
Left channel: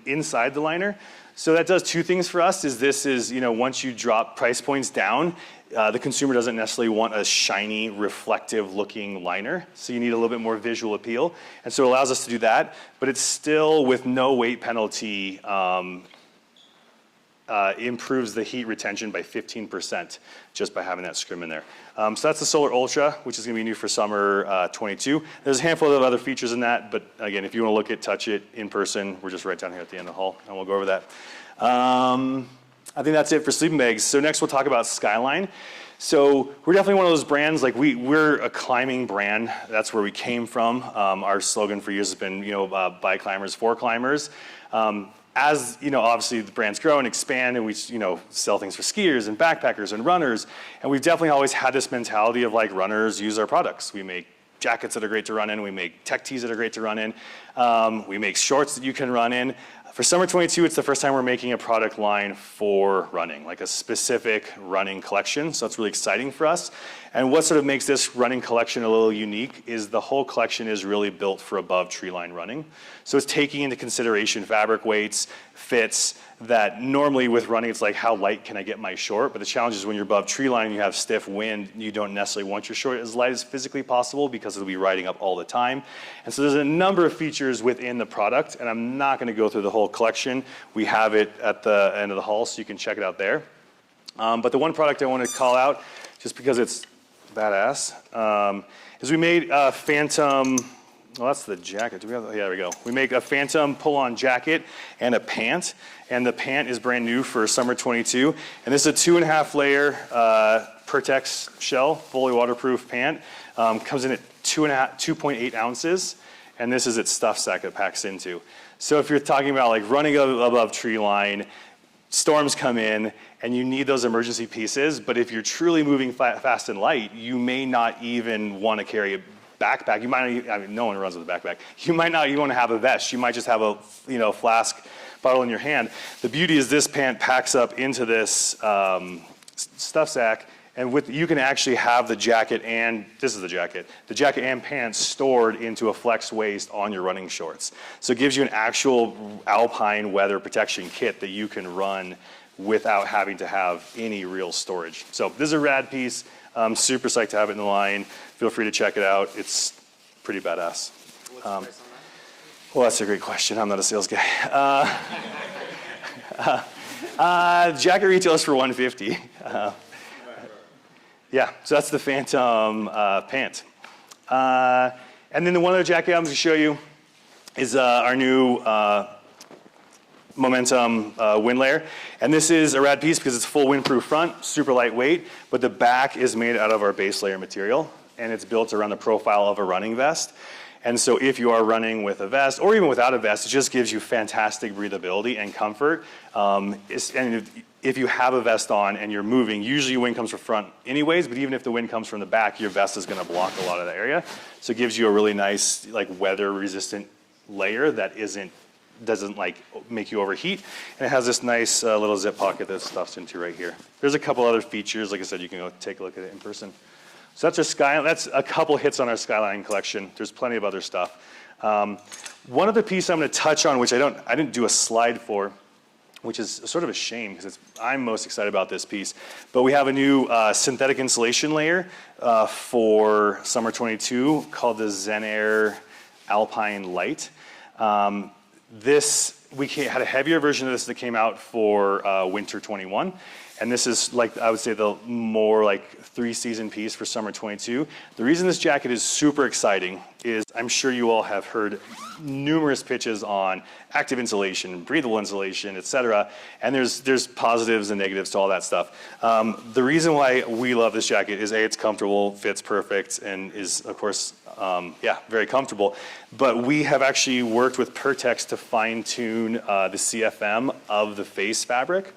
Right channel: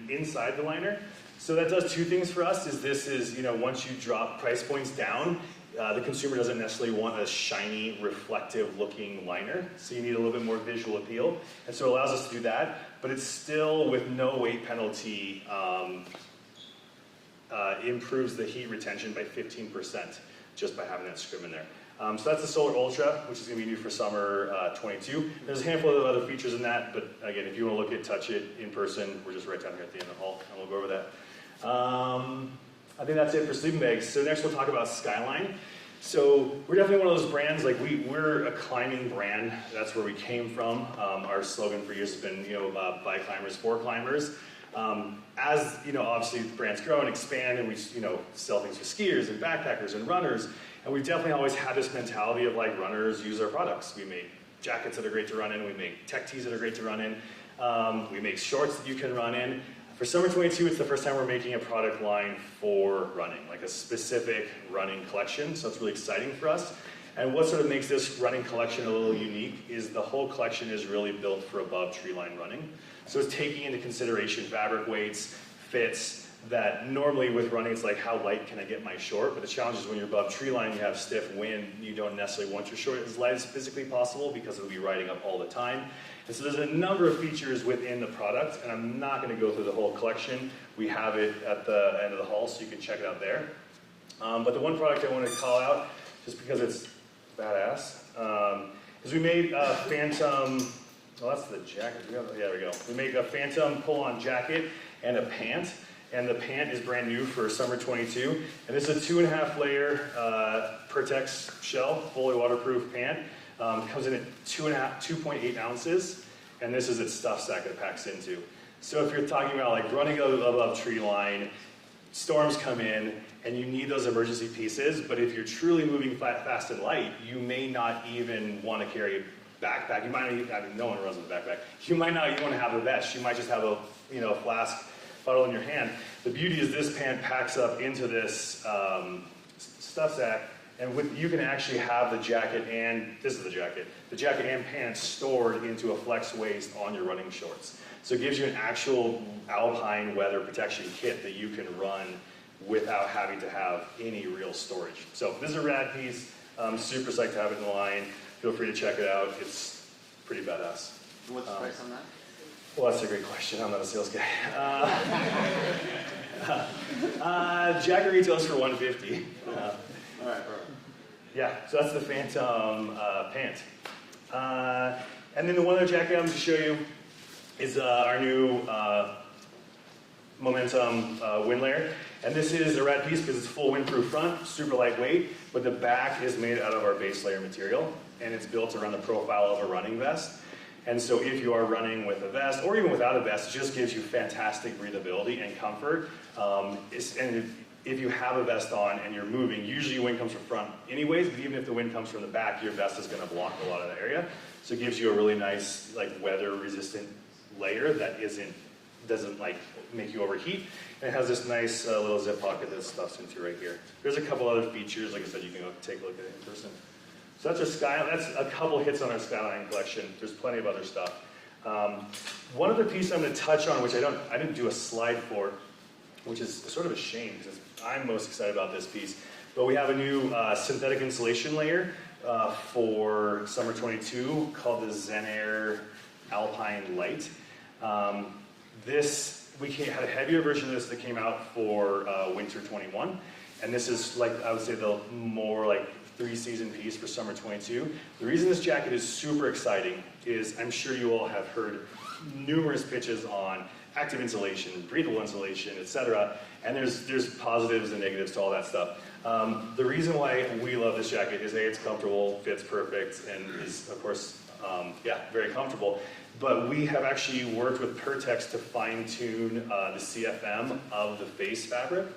inside the liner. So that does two things for us. This is, once you drop price points down, the consumer doesn't necessarily want a shiny, reflective looking liner. So you need a little bit more visual appeal. And so it allows us to do that, but it's still with no weight penalty, improves the heat retention by 15% just by having that scrim in there. So that's the Solar Ultra, which is going to be new for summer 22. There's a handful of other features in that, but again, if you want to look at, touch it in person, we're just right down here at the end of the hall, and we'll go over that. I think that's it for sleeping bags. So next we'll talk about Skyline. So we're definitely one of those brands, like we're a climbing brand. That's where we came from. Our slogan for years has been, by climbers, for climbers. As obviously the brands grow and expand, and we sell things for skiers and backpackers and runners, and we've definitely always had this mentality of like, runners use our products. We make jackets that are great to run in, we make tech tees that are great to run in, we make shorts that you can run in. For summer 22, it's the first time we're making a product line for running, like a specific running collection, so it's really exciting for us. And what sort of makes this running collection a little unique is the whole collection is really built for above tree line running. So it's taking into consideration fabric weights, fits, that normally with running it's like, how light can I get my short? But the challenge is when you're above tree line and you have stiff wind, you don't necessarily want your short as light as physically possible because it'll be riding up all the time. And so there's a number of features within the product, and I'm not going to go through the whole collection. We have it at the end of the hall, so you can check it out there. But the one product I want to call out, just because it's badass, is we made a Phantom. Well, that's the jacket. Do we have? Yeah, there we go. We make a Phantom pull-on jacket and a pant, and the pant is brand new for summer 22. And this is a 2.5 layer Pertex shell, fully waterproof pant. Comes in at 2.8 ounces, and this is its stuff sack it packs into. So if you're talking about like running above tree line, storms come in, and you need those emergency pieces, but if you're truly moving fast and light, you may not even want to carry a backpack. You might not, I mean, no one runs with a backpack. You might not even want to have a vest. You might just have a flask bottle in your hand. The beauty is this pant packs up into this stuff sack, and you can actually have the jacket and, this is the jacket and pants stored into a flex waist on your running shorts. So it gives you an actual Alpine weather protection kit that you can run without having to have any real storage. So this is a rad piece. I'm super psyched to have it in the line. Feel free to check it out. It's pretty badass. What's the price on that? Well, that's a great question. I'm not a sales guy. Jacket retails for $150. Yeah, so that's the Phantom pant. And then the one other jacket I'm going to show you is our new Momentum wind layer. And this is a rad piece because it's full windproof front, super lightweight, but the back is made out of our base layer material, and it's built around the profile of a running vest. And so if you are running with a vest, or even without a vest, it just gives you fantastic breathability and comfort. And if you have a vest on and you're moving, usually wind comes from front anyways, but even if the wind comes from the back, your vest is gonna block a lot of the area. So it gives you a really nice, like, weather resistant layer that doesn't like make you overheat. And it has this nice little zip pocket that stuffs into right here. There's a couple other features, like I said, you can go take a look at it in person. So that's a couple hits on our Skyline collection. There's plenty of other stuff. One other piece I'm gonna touch on, which I didn't do a slide for, which is sort of a shame because I'm most excited about this piece. But we have a new synthetic insulation layer for summer 22 called the Zen Air Alpine Light. We had a heavier version of this that came out for winter 21. And this is, like, I would say the more like 3-season piece for summer 22. The reason this jacket is super exciting is I'm sure you all have heard numerous pitches on active insulation, breathable insulation, et cetera. And there's positives and negatives to all that stuff. The reason why we love this jacket is A, it's comfortable, fits perfect, and is, of course, very comfortable. But we have actually worked with Pertex to fine tune the CFM of the face fabric.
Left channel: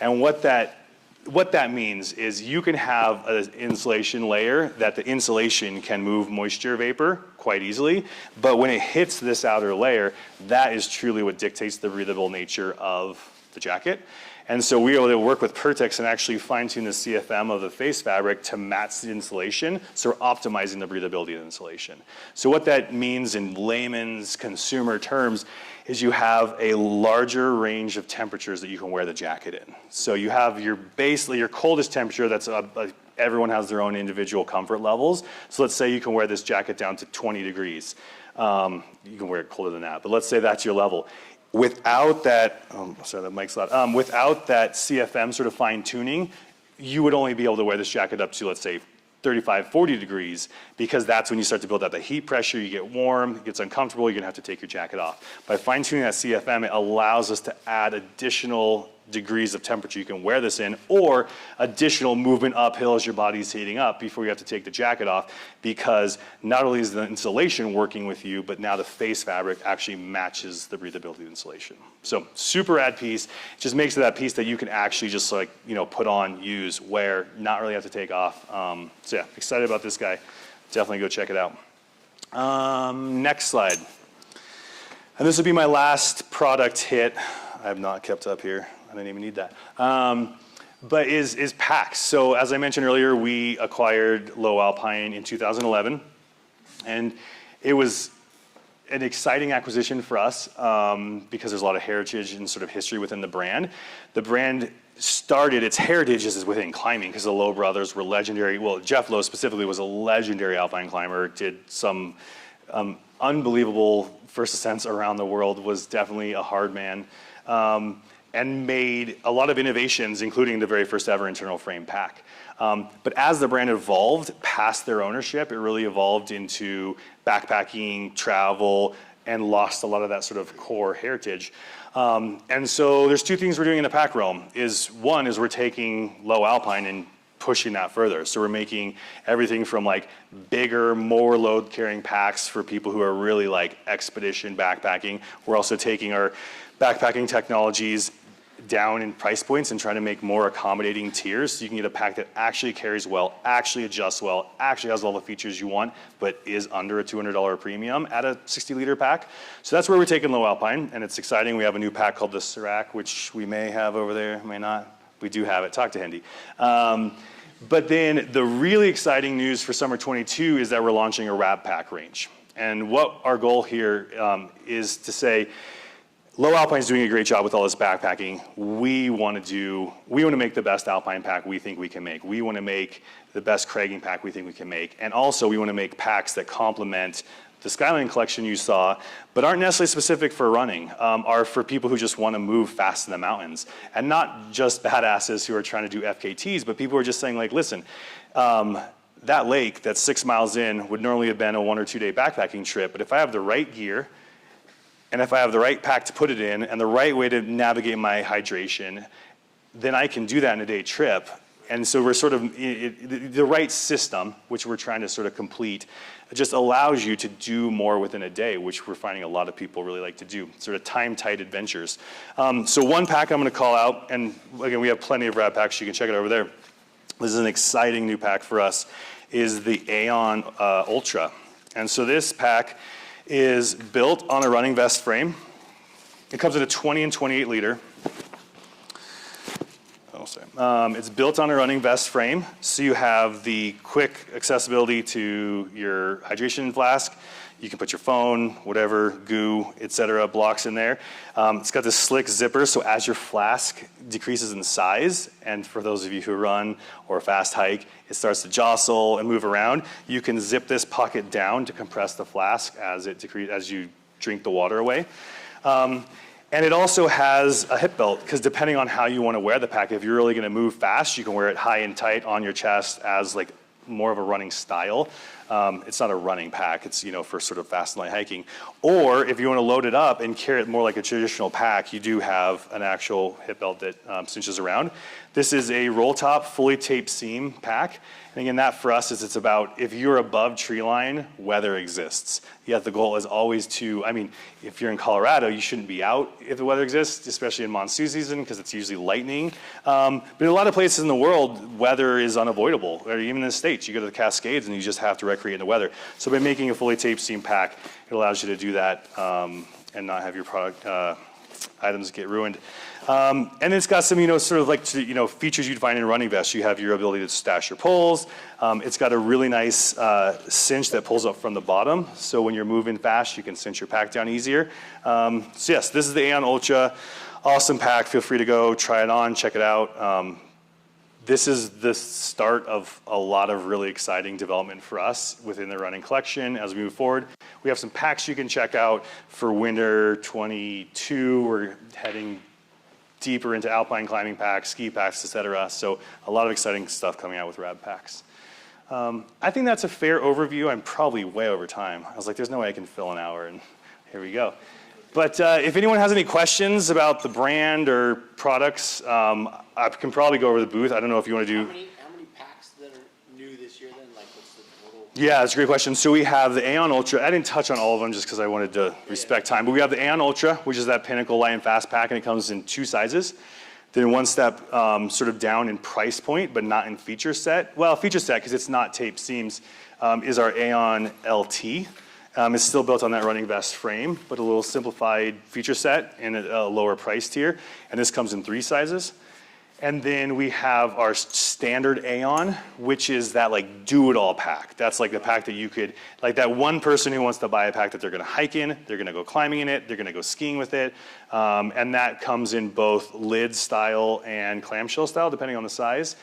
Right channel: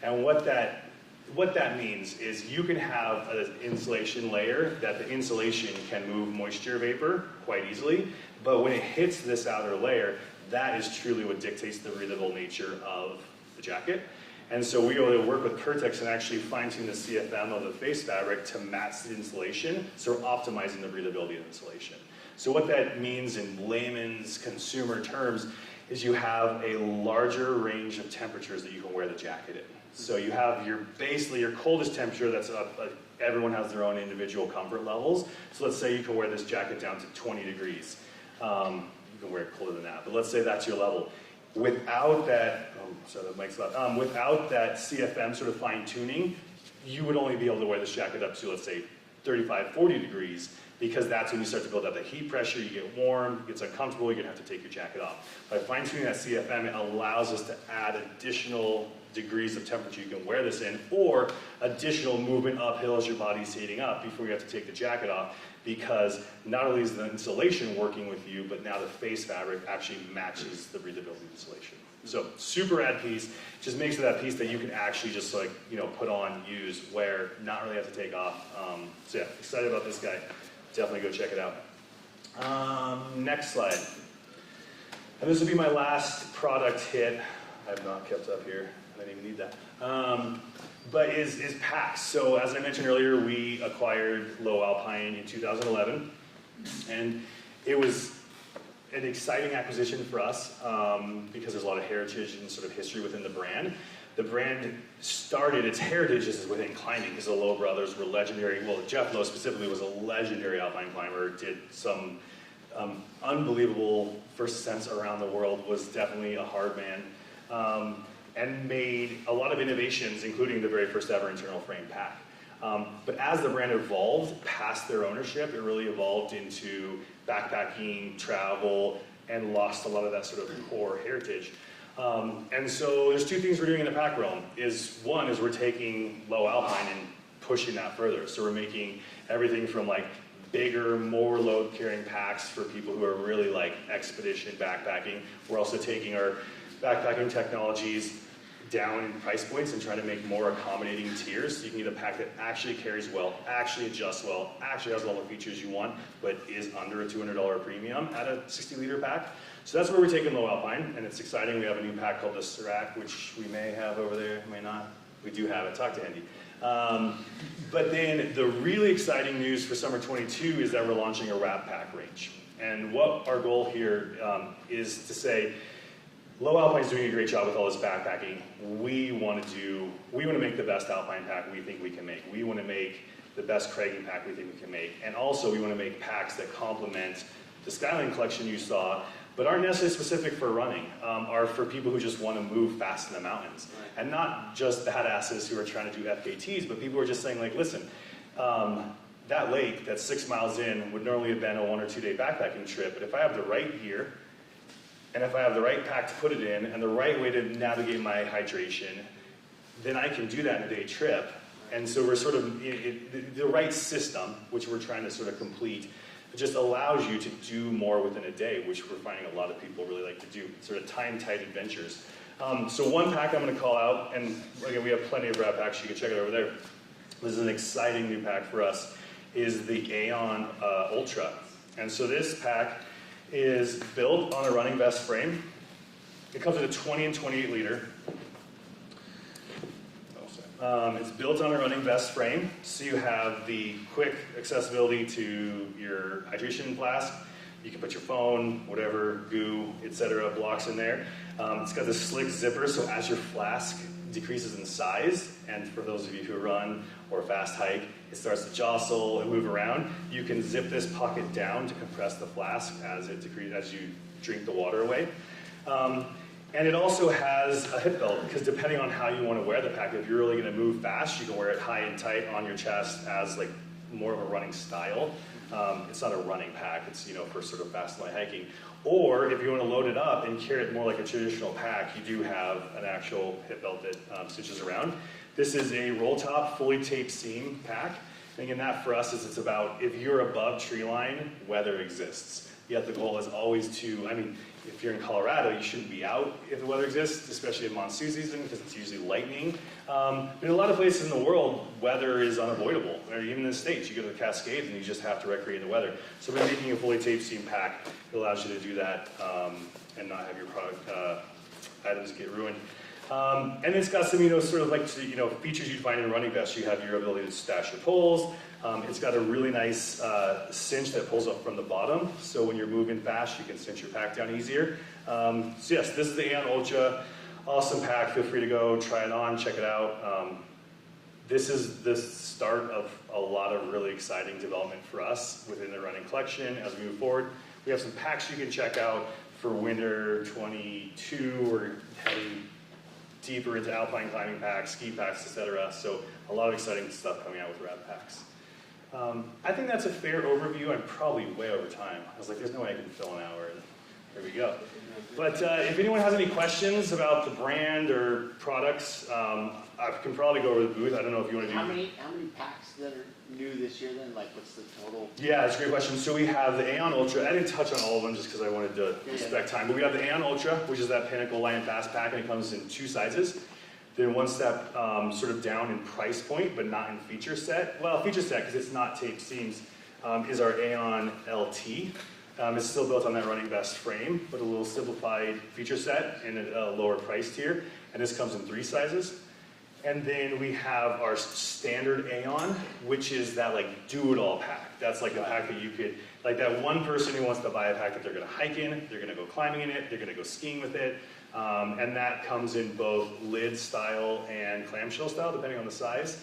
And what that means is you can have an insulation layer that the insulation can move moisture vapor quite easily, but when it hits this outer layer, that is truly what dictates the breathable nature of the jacket. And so we were able to work with Pertex and actually fine tune the CFM of the face fabric to match the insulation, so we're optimizing the breathability of the insulation. So what that means in layman's consumer terms is you have a larger range of temperatures that you can wear the jacket in. So you have your coldest temperature that's everyone has their own individual comfort levels. So let's say you can wear this jacket down to 20 degrees. You can wear it colder than that, but let's say that's your level. Without that, sorry, the mic's loud. Without that CFM sort of fine tuning, you would only be able to wear this jacket up to, let's say, 35, 40 degrees, because that's when you start to build out the heat pressure, you get warm, it gets uncomfortable, you're gonna have to take your jacket off. By fine tuning that CFM, it allows us to add additional degrees of temperature you can wear this in, or additional movement uphill as your body's heating up before you have to take the jacket off, because not only is the insulation working with you, but now the face fabric actually matches the breathability of the insulation. So super rad piece, just makes it that piece that you can actually just like, put on, use, wear, not really have to take off. So yeah, excited about this guy. Definitely go check it out. Next slide. And this will be my last product hit. I have not kept up here. I didn't even need that. But is packs. So as I mentioned earlier, we acquired Lowe Alpine in 2011. And it was an exciting acquisition for us because there's a lot of heritage and sort of history within the brand. The brand started, its heritage is within climbing because the Lowe brothers were legendary. Well, Jeff Lowe specifically was a legendary alpine climber, did some unbelievable first ascents around the world, was definitely a hard man. and made a lot of innovations, including the very first ever internal frame pack. But as the brand evolved past their ownership, it really evolved into backpacking, travel, and lost a lot of that sort of core heritage. And so there's two things we're doing in the pack realm. One is we're taking Lowe Alpine and pushing that further. So we're making everything from like bigger, more load carrying packs for people who are really like expedition backpacking. We're also taking our backpacking technologies down in price points and trying to make more accommodating tiers. So you can get a pack that actually carries well, actually adjusts well, actually has all the features you want, but is under a $200 premium at a 60-liter pack. So that's where we're taking Lowe Alpine, and it's exciting. We have a new pack called the Serac, which we may have over there, may not. We do have it. Talk to Hendy. But then the really exciting news for summer 22 is that we're launching a wrap pack range. And what our goal here is to say, Lowe Alpine is doing a great job with all this backpacking. We want to make the best Alpine pack we think we can make. We want to make the best cragging pack we think we can make. And also we want to make packs that complement the Skyline collection you saw, but aren't necessarily specific for running, are for people who just want to move fast in the mountains. And not just badasses who are trying to do FKTs, but people who are just saying like, listen, that lake that's 6 miles in would normally have been a 1 or 2 day backpacking trip, but if I have the right gear, and if I have the right pack to put it in, and the right way to navigate my hydration, then I can do that in a day trip. And so we're sort of, the right system, which we're trying to sort of complete, just allows you to do more within a day, which we're finding a lot of people really like to do, sort of time-tight adventures. So one pack I'm gonna call out, and again, we have plenty of wrap packs, you can check it over there. This is an exciting new pack for us, is the Aeon Ultra. And so this pack is built on a running vest frame. It comes in a 20 and 28 liter. It's built on a running vest frame, so you have the quick accessibility to your hydration flask. You can put your phone, whatever, goo, etc., blocks in there. It's got this slick zipper, so as your flask decreases in size, and for those of you who run or fast hike, it starts to jostle and move around. You can zip this pocket down to compress the flask as you drink the water away. And it also has a hip belt, because depending on how you want to wear the pack, if you're really going to move fast, you can wear it high and tight on your chest as like more of a running style. It's not a running pack, it's for sort of fast and light hiking. Or if you want to load it up and carry it more like a traditional pack, you do have an actual hip belt that cinches around. This is a roll top, fully taped seam pack. And again, that for us is it's about if you're above tree line, weather exists. Yet the goal is always to, if you're in Colorado, you shouldn't be out if the weather exists, especially in monsoon season, because it's usually lightning. But in a lot of places in the world, weather is unavoidable. Or even in the States, you go to the Cascades and you just have to recreate the weather. So by making a fully taped seam pack, it allows you to do that and not have your product items get ruined. And it's got some, sort of like, features you'd find in a running vest. You have your ability to stash your poles. It's got a really nice cinch that pulls up from the bottom. So when you're moving fast, you can cinch your pack down easier. So yes, this is the Aeon Ultra. Awesome pack. Feel free to go try it on, check it out. This is the start of a lot of really exciting development for us within the running collection as we move forward. We have some packs you can check out for winter 22. We're heading deeper into alpine climbing packs, ski packs, etc. So a lot of exciting stuff coming out with rad packs. I think that's a fair overview. I'm probably way over time. I was like, there's no way I can fill an hour, and here we go. But if anyone has any questions about the brand or products, I can probably go over the booth. I don't know if you want to do... How many packs that are new this year then? Like, what's the total? Yeah, that's a great question. So we have the Aeon Ultra. I didn't touch on all of them just because I wanted to respect time. But we have the Aeon Ultra, which is that pinnacle light and fast pack, and it comes in 2 sizes. Then one step sort of down in price point, but not in feature set. Well, feature set, because it's not taped seams, is our Aeon LT. It's still built on that running vest frame, but a little simplified feature set and a lower price tier. And this comes in 3 sizes. And then we have our standard Aeon, which is that like do-it-all pack. That's like the pack that you could, like that one person who wants to buy a pack that they're gonna hike in, they're gonna go climbing in it, they're gonna go skiing with it. And that comes in both lid style and clamshell style, depending on the size.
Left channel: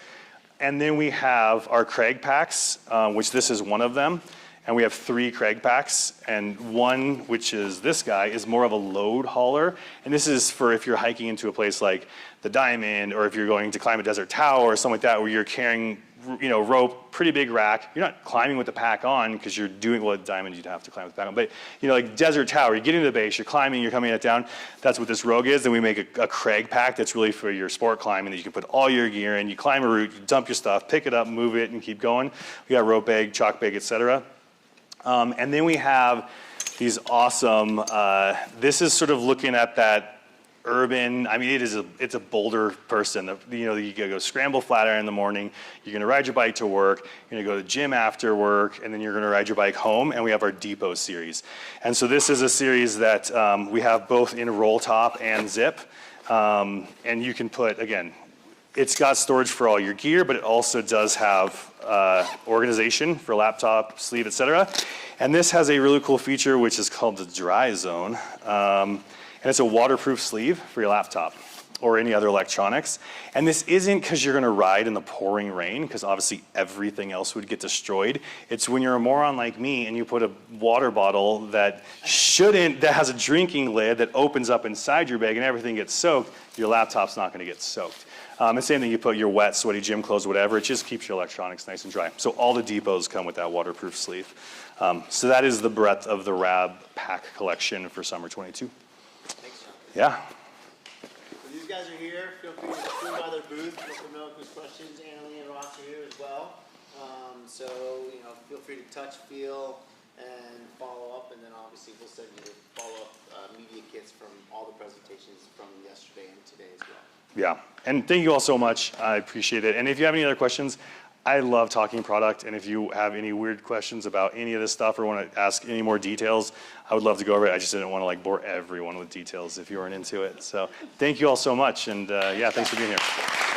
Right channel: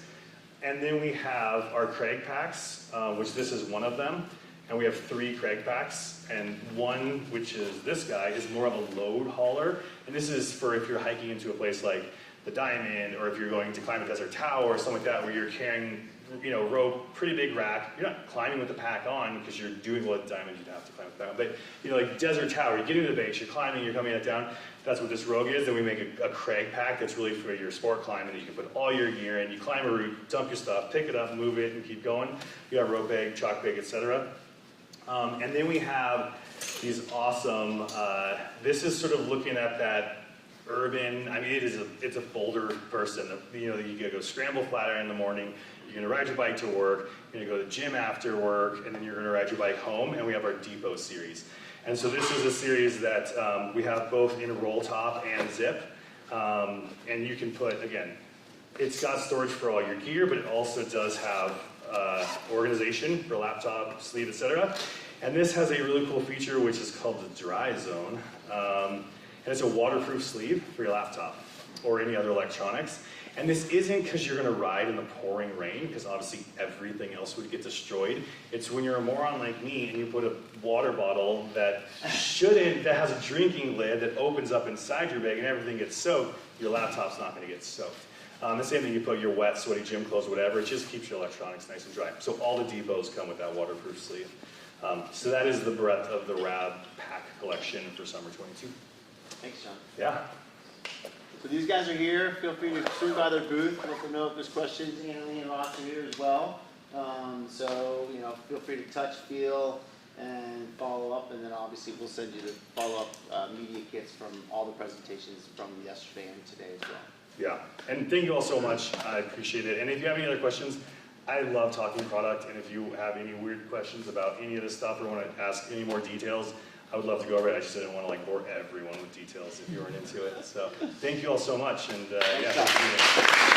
And then we have our Crag packs, which this is one of them. and we have 3 Craig packs, and one, which is this guy, is more of a load hauler, and this is for if you're hiking into a place like the Diamond, or if you're going to climb a desert tower or something like that, where you're carrying, you know, rope, pretty big rack. You're not climbing with the pack on because you're doing what Diamond you'd have to climb with the pack on. But you know, like desert tower, you get into the base, you're climbing, you're coming it down. That's what this Rogue is. And we make a Craig pack that's really for your sport climbing that you can put all your gear in. You climb a route, you dump your stuff, pick it up, move it, and keep going. We got rope bag, chalk bag, etc. And then we have these awesome. This is sort of looking at that urban, I mean, it's a bolder person. You know, you gotta go scramble flat iron in the morning, you're gonna ride your bike to work, you're gonna go to the gym after work, and then you're gonna ride your bike home, and we have our Depot series. And so this is a series that we have both in roll top and zip, and you can put, again, it's got storage for all your gear, but it also does have organization for laptop, sleeve, etc. And this has a really cool feature, which is called the dry zone. And it's a waterproof sleeve for your laptop or any other electronics. And this isn't because you're gonna ride in the pouring rain, because obviously everything else would get destroyed. It's when you're a moron like me and you put a water bottle that has a drinking lid that opens up inside your bag and everything gets soaked, your laptop's not gonna get soaked. The same thing, you put your wet, sweaty gym clothes, whatever, it just keeps your electronics nice and dry. So all the Depots come with that waterproof sleeve. So that is the breadth of the RAB pack collection for summer 22. Thanks, John. Yeah. So these guys are here. Feel free to swing by their booth. Let them know if there's questions. Anthony and Ross are here as well. So, you know, feel free to touch, feel, and follow up. And then obviously we'll send you the follow-up media kits from all the presentations from yesterday and today as well. Yeah, and thank you all so much. I appreciate it. And if you have any other questions, I love talking product. And if you have any weird questions about any of this stuff or want to ask any more details, I would love to go over it. I just didn't want to like bore everyone with details if you weren't into it. So thank you all so much. And yeah, thanks for being here.